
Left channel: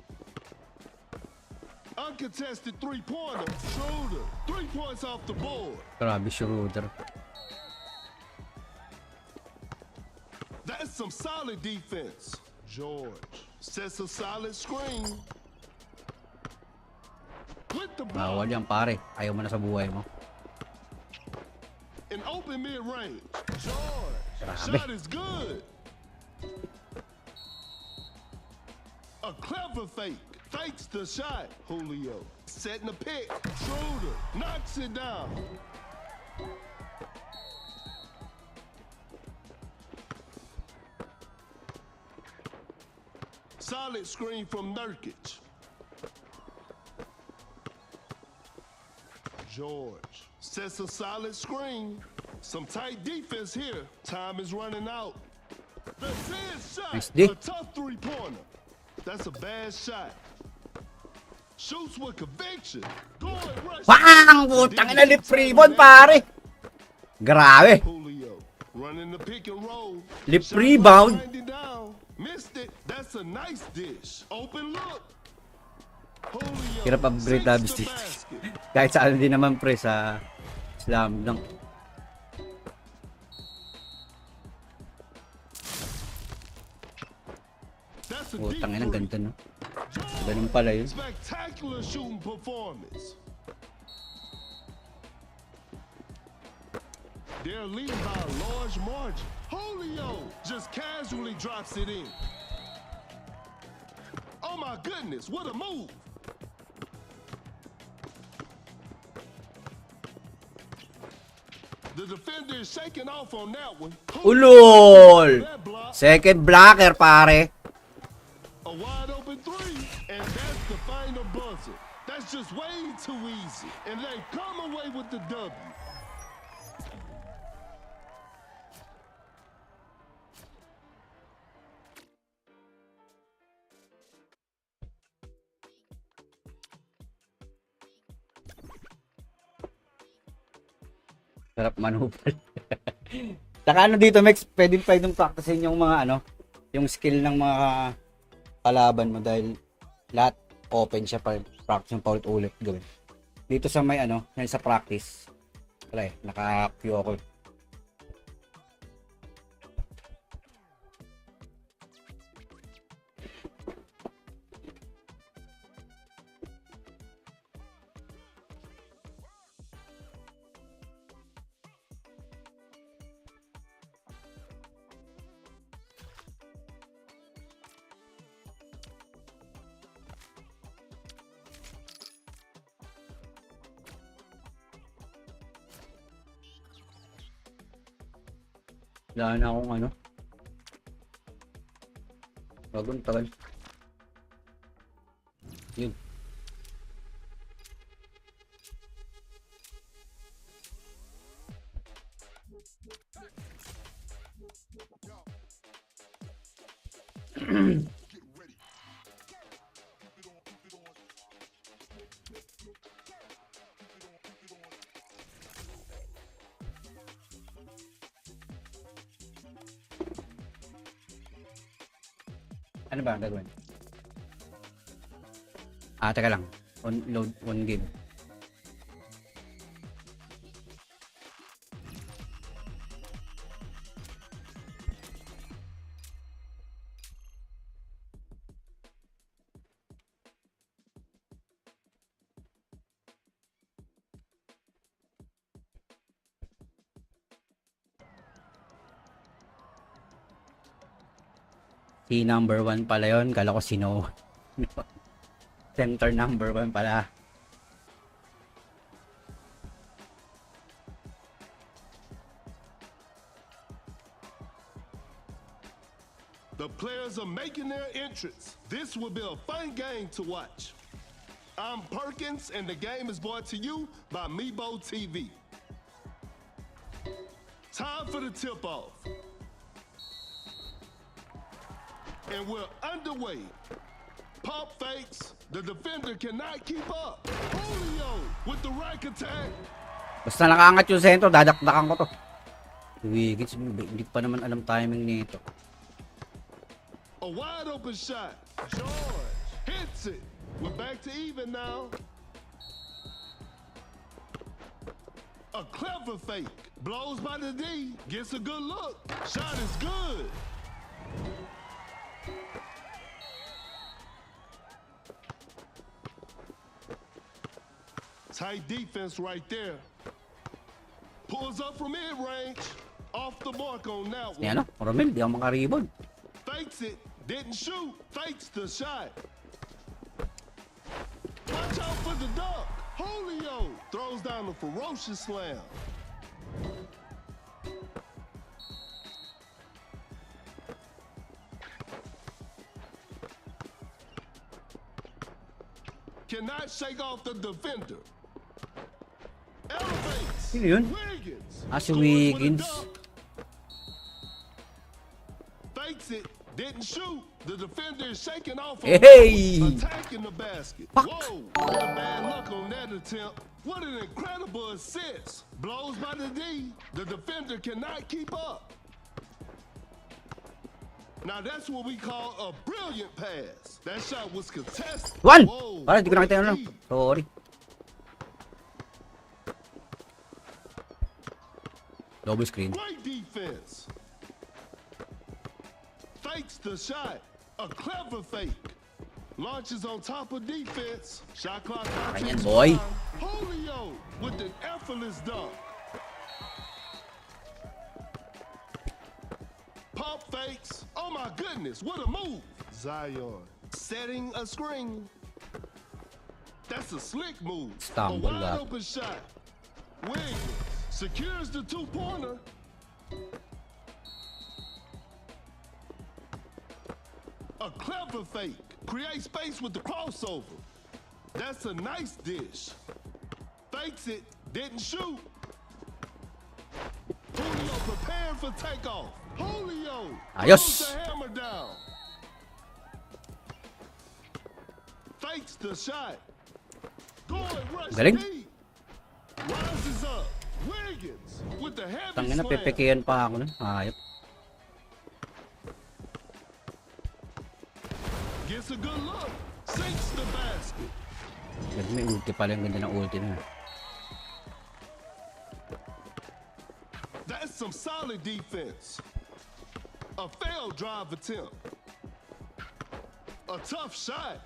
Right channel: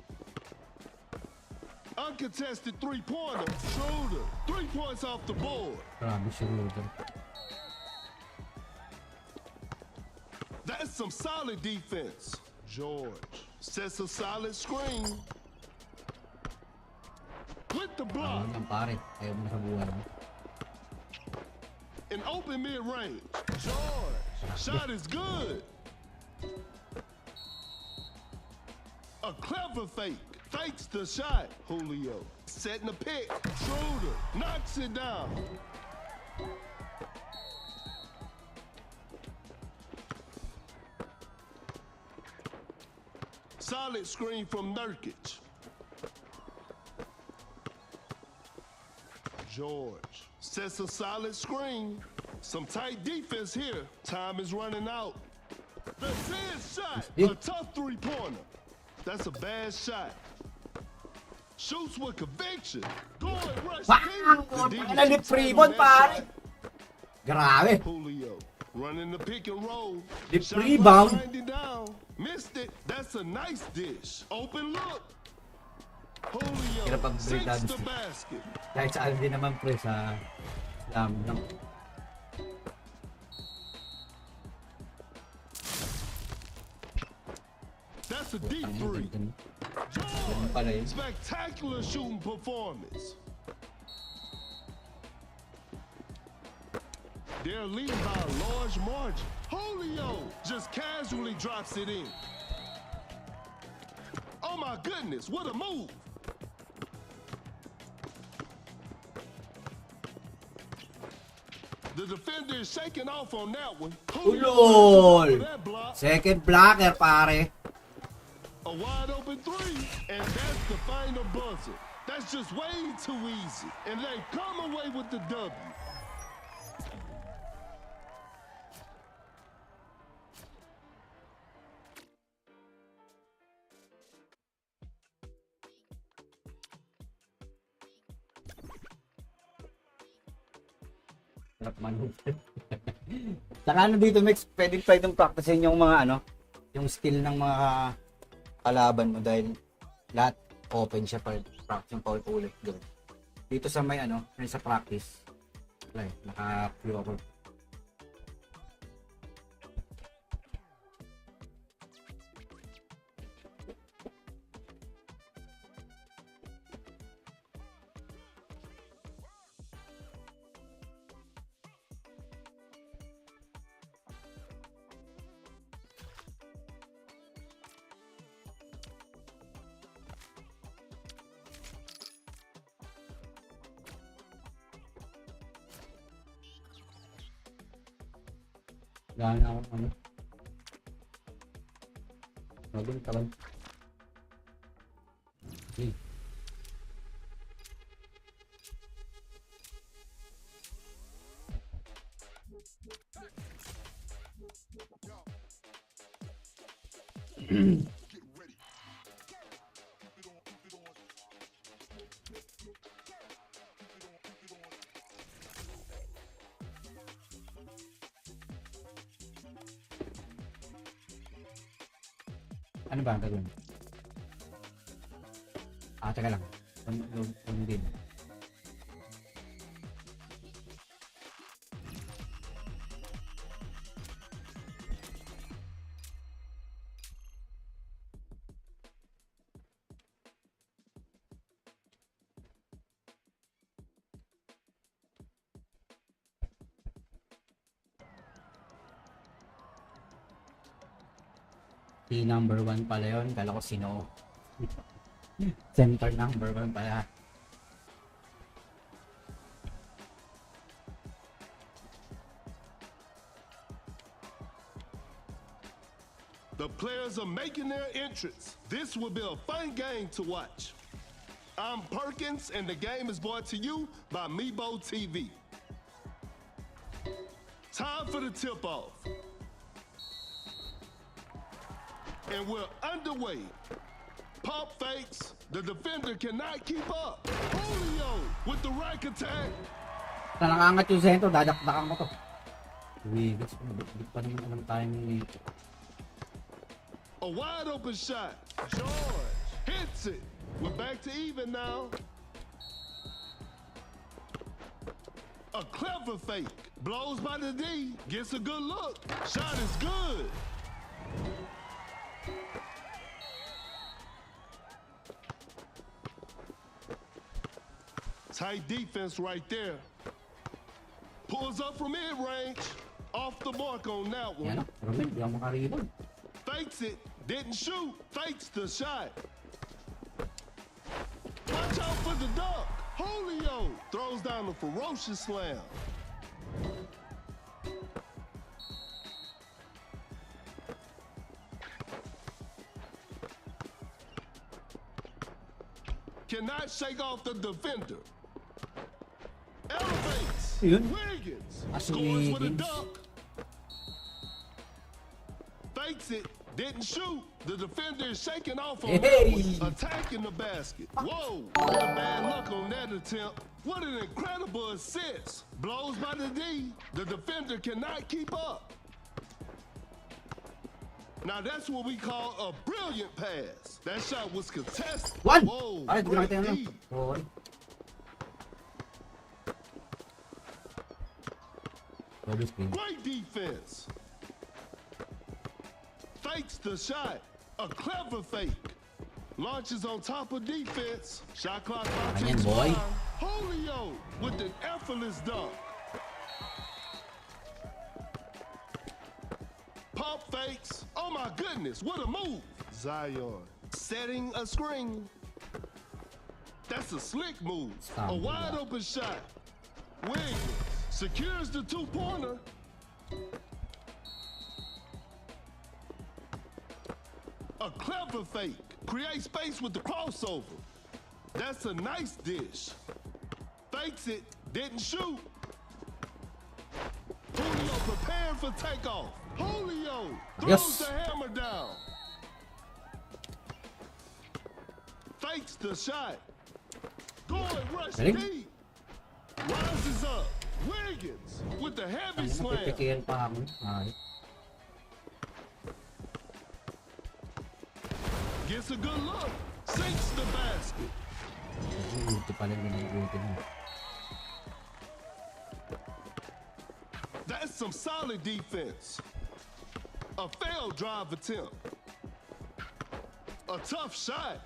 Uncontested three-pointer. Schroeder. 3 points off the board. Grabe, Schroeder. That's some solid defense. George sets a solid screen. With the Bawal block. yan, pare. Ayaw mo na sa buhay mo. An open mid-range. George. Shot is good. A clever fake. Fakes the shot. Julio. Setting a pick. Schroeder. Knocks it down. Solid screen from Nurkic. George sets a solid screen. Some tight defense here. Time is running out. The 10th shot. Nice D. A tough three-pointer. That's a bad shot. Shoots with conviction. Going rush. Bang! Putang ina, lip rebound, pare. Grabe. Julio running the pick and roll. Lip Shot rebound. clock winding down. Missed it. That's a nice dish. Open look. Julio Hirap upgrade sinks dynasty. the basket. Kahit saan din naman, pre, sa slam lang. That's a deep Putang ina, three. ganda, no? Ganun pala yun. Spectacular shooting performance. They're leading by a large margin. Julio just casually drops it in. Oh my goodness, what a move. The defender is shaking off on that one. Ulol! That block. Second blocker, pare. A wide open three, and that's the final buzzer. That's just way too easy, and they come away with the W. Sarap manupal. Saka ano dito, Mex, pwedeng practicein yung mga ano, yung skill ng mga kalaban mo dahil lahat open siya para practice yung paulit-ulit gawin. Dito sa may ano, yan sa practice. Wala eh, naka-queue ako. Wala na akong ano. Bagong tagal. Yun. Ano ba ang gagawin? Teka lang. Load on game. Si number 1 pala yun. Kala ko sino. Center number 1 pala. The players are making their entrance. This will be a fun game to watch. I'm Perkins, and the game is brought to you by Meebo TV. Time for the tip-off. And we're underway. Pump fakes. The defender cannot keep up. Julio with the rack attack. Basta nakaangat yung sentro, dadakdakan ko to. Wiggins, hindi pa naman alam timing nito. A wide open shot. George hits it. We're back to even now. A clever fake. Blows by the D. Gets a good look. Shot is good. Tight defense right there. Pulls up from mid-range. Off the mark on that one. Yan o, Romel, di ako makaribon. Fakes it. Didn't shoot. Fakes the shot. Watch out for the dunk. Julio throws down a ferocious slam. Cannot shake off the defender. Elevates. Sino yun? Wiggins. Si Scores with a Wiggins. dunk. Fakes it. Didn't shoot. The defender is shaking off on Hey! that one, attacking the basket. Fuck. Whoa! What a bad luck on that attempt. What an incredible assist. Blows by the D. The defender cannot keep up. Now that's what we call a brilliant pass. That shot was contested. One! Whoa, Parang hindi ko nakita great yun. D. Sorry. Double screen. Great defense. Fakes the shot. A clever fake. Launches on top of defense. Shot clock about to Ayan, boy. expire. Julio with an effortless dunk. Pump fakes. Oh my goodness, what a move. Zion setting a screen. That's a slick move. A Stumble wide up. open shot. Wiggins secures the two-pointer. A clever fake. Create space with the crossover. That's a nice dish. Fakes it. Didn't shoot. Julio prepared for takeoff. Julio Ayos. throws the hammer down. Fakes the shot. Going rush Galing. deep. Rises up. Wiggins with the heavy Tangina, slam. pepekean pa ako nun. Ayop. Gets a good look. Sinks the basket. May ulti pala yung ganda ng ulti na. That's some solid defense. A failed drive attempt. A tough shot.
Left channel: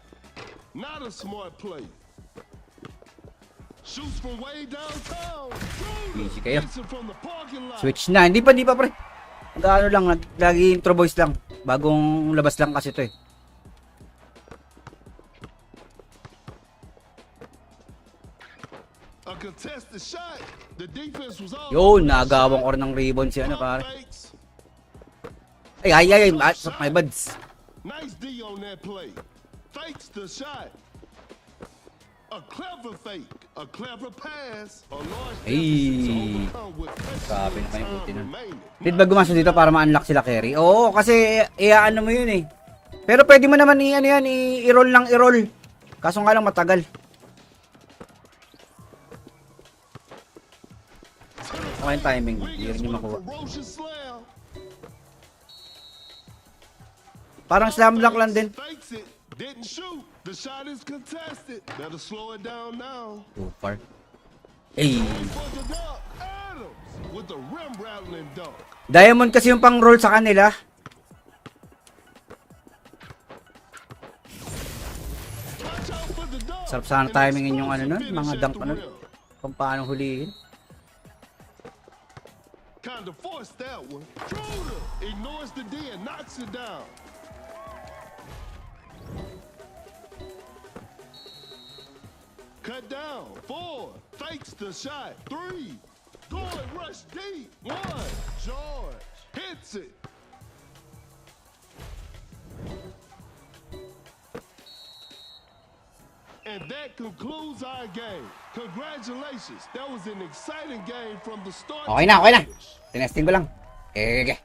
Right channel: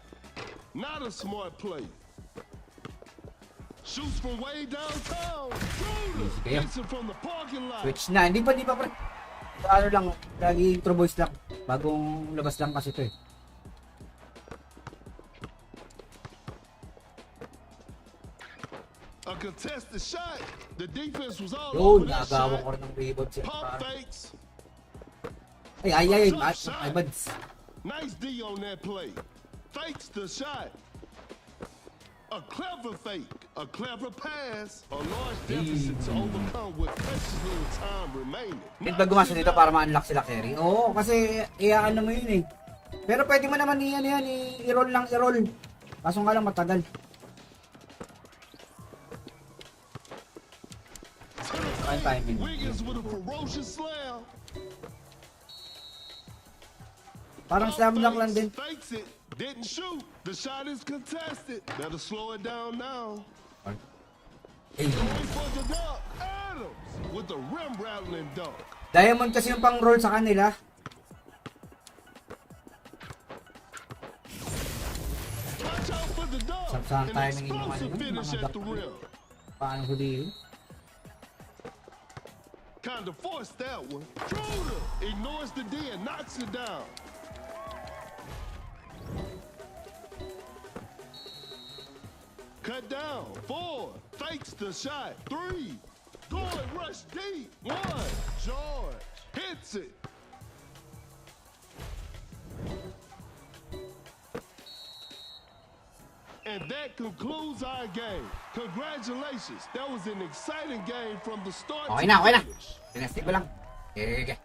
Not a smart play. Shoots from way downtown. Schroeder Sige. gets it from the parking lot. Switch na. Hindi pa pre. Ano lang, lagi intro voice lang. Bagong labas lang kasi ito eh. A contested shot. The defense was all Yun, over that nagawang shot. or ng rebound si ano Pump pare. fakes. Ay, my buds. Nice D on that play. Fakes the shot. A clever fake. A clever pass. A large deficit to Hey. overcome with excellent time remaining. Dito ba gumastos dito para ma-unlock sila carry? Oo, kasi ano mo yun eh. Pero pwede mo naman i-roll lang i-roll. Kaso nga lang matagal. Tama yung timing. Wiggins Hindi with a makuha. ferocious slam. Parang slam dunk lang din. Fakes it. Didn't shoot. The shot is contested. Better slow it down now. Too far. Ay. Going for the dunk. Adams with the rim rattling dunk. Diamond kasi yung pang-roll sa kanila. Watch out for the dunk. Sarap sana An timingin yung explosive nun, finish mga at dunk the ano. rim. Kung paano hulihin. Kind of forced that one. Schroeder ignores the D and knocks it down. Cut down. 4. Fakes the shot. 3. Going rush deep. 1. George hits it. And that concludes our game. Congratulations. That was an exciting game from the start Okay to na, okay na. finish. Tinesting ko lang. Okay.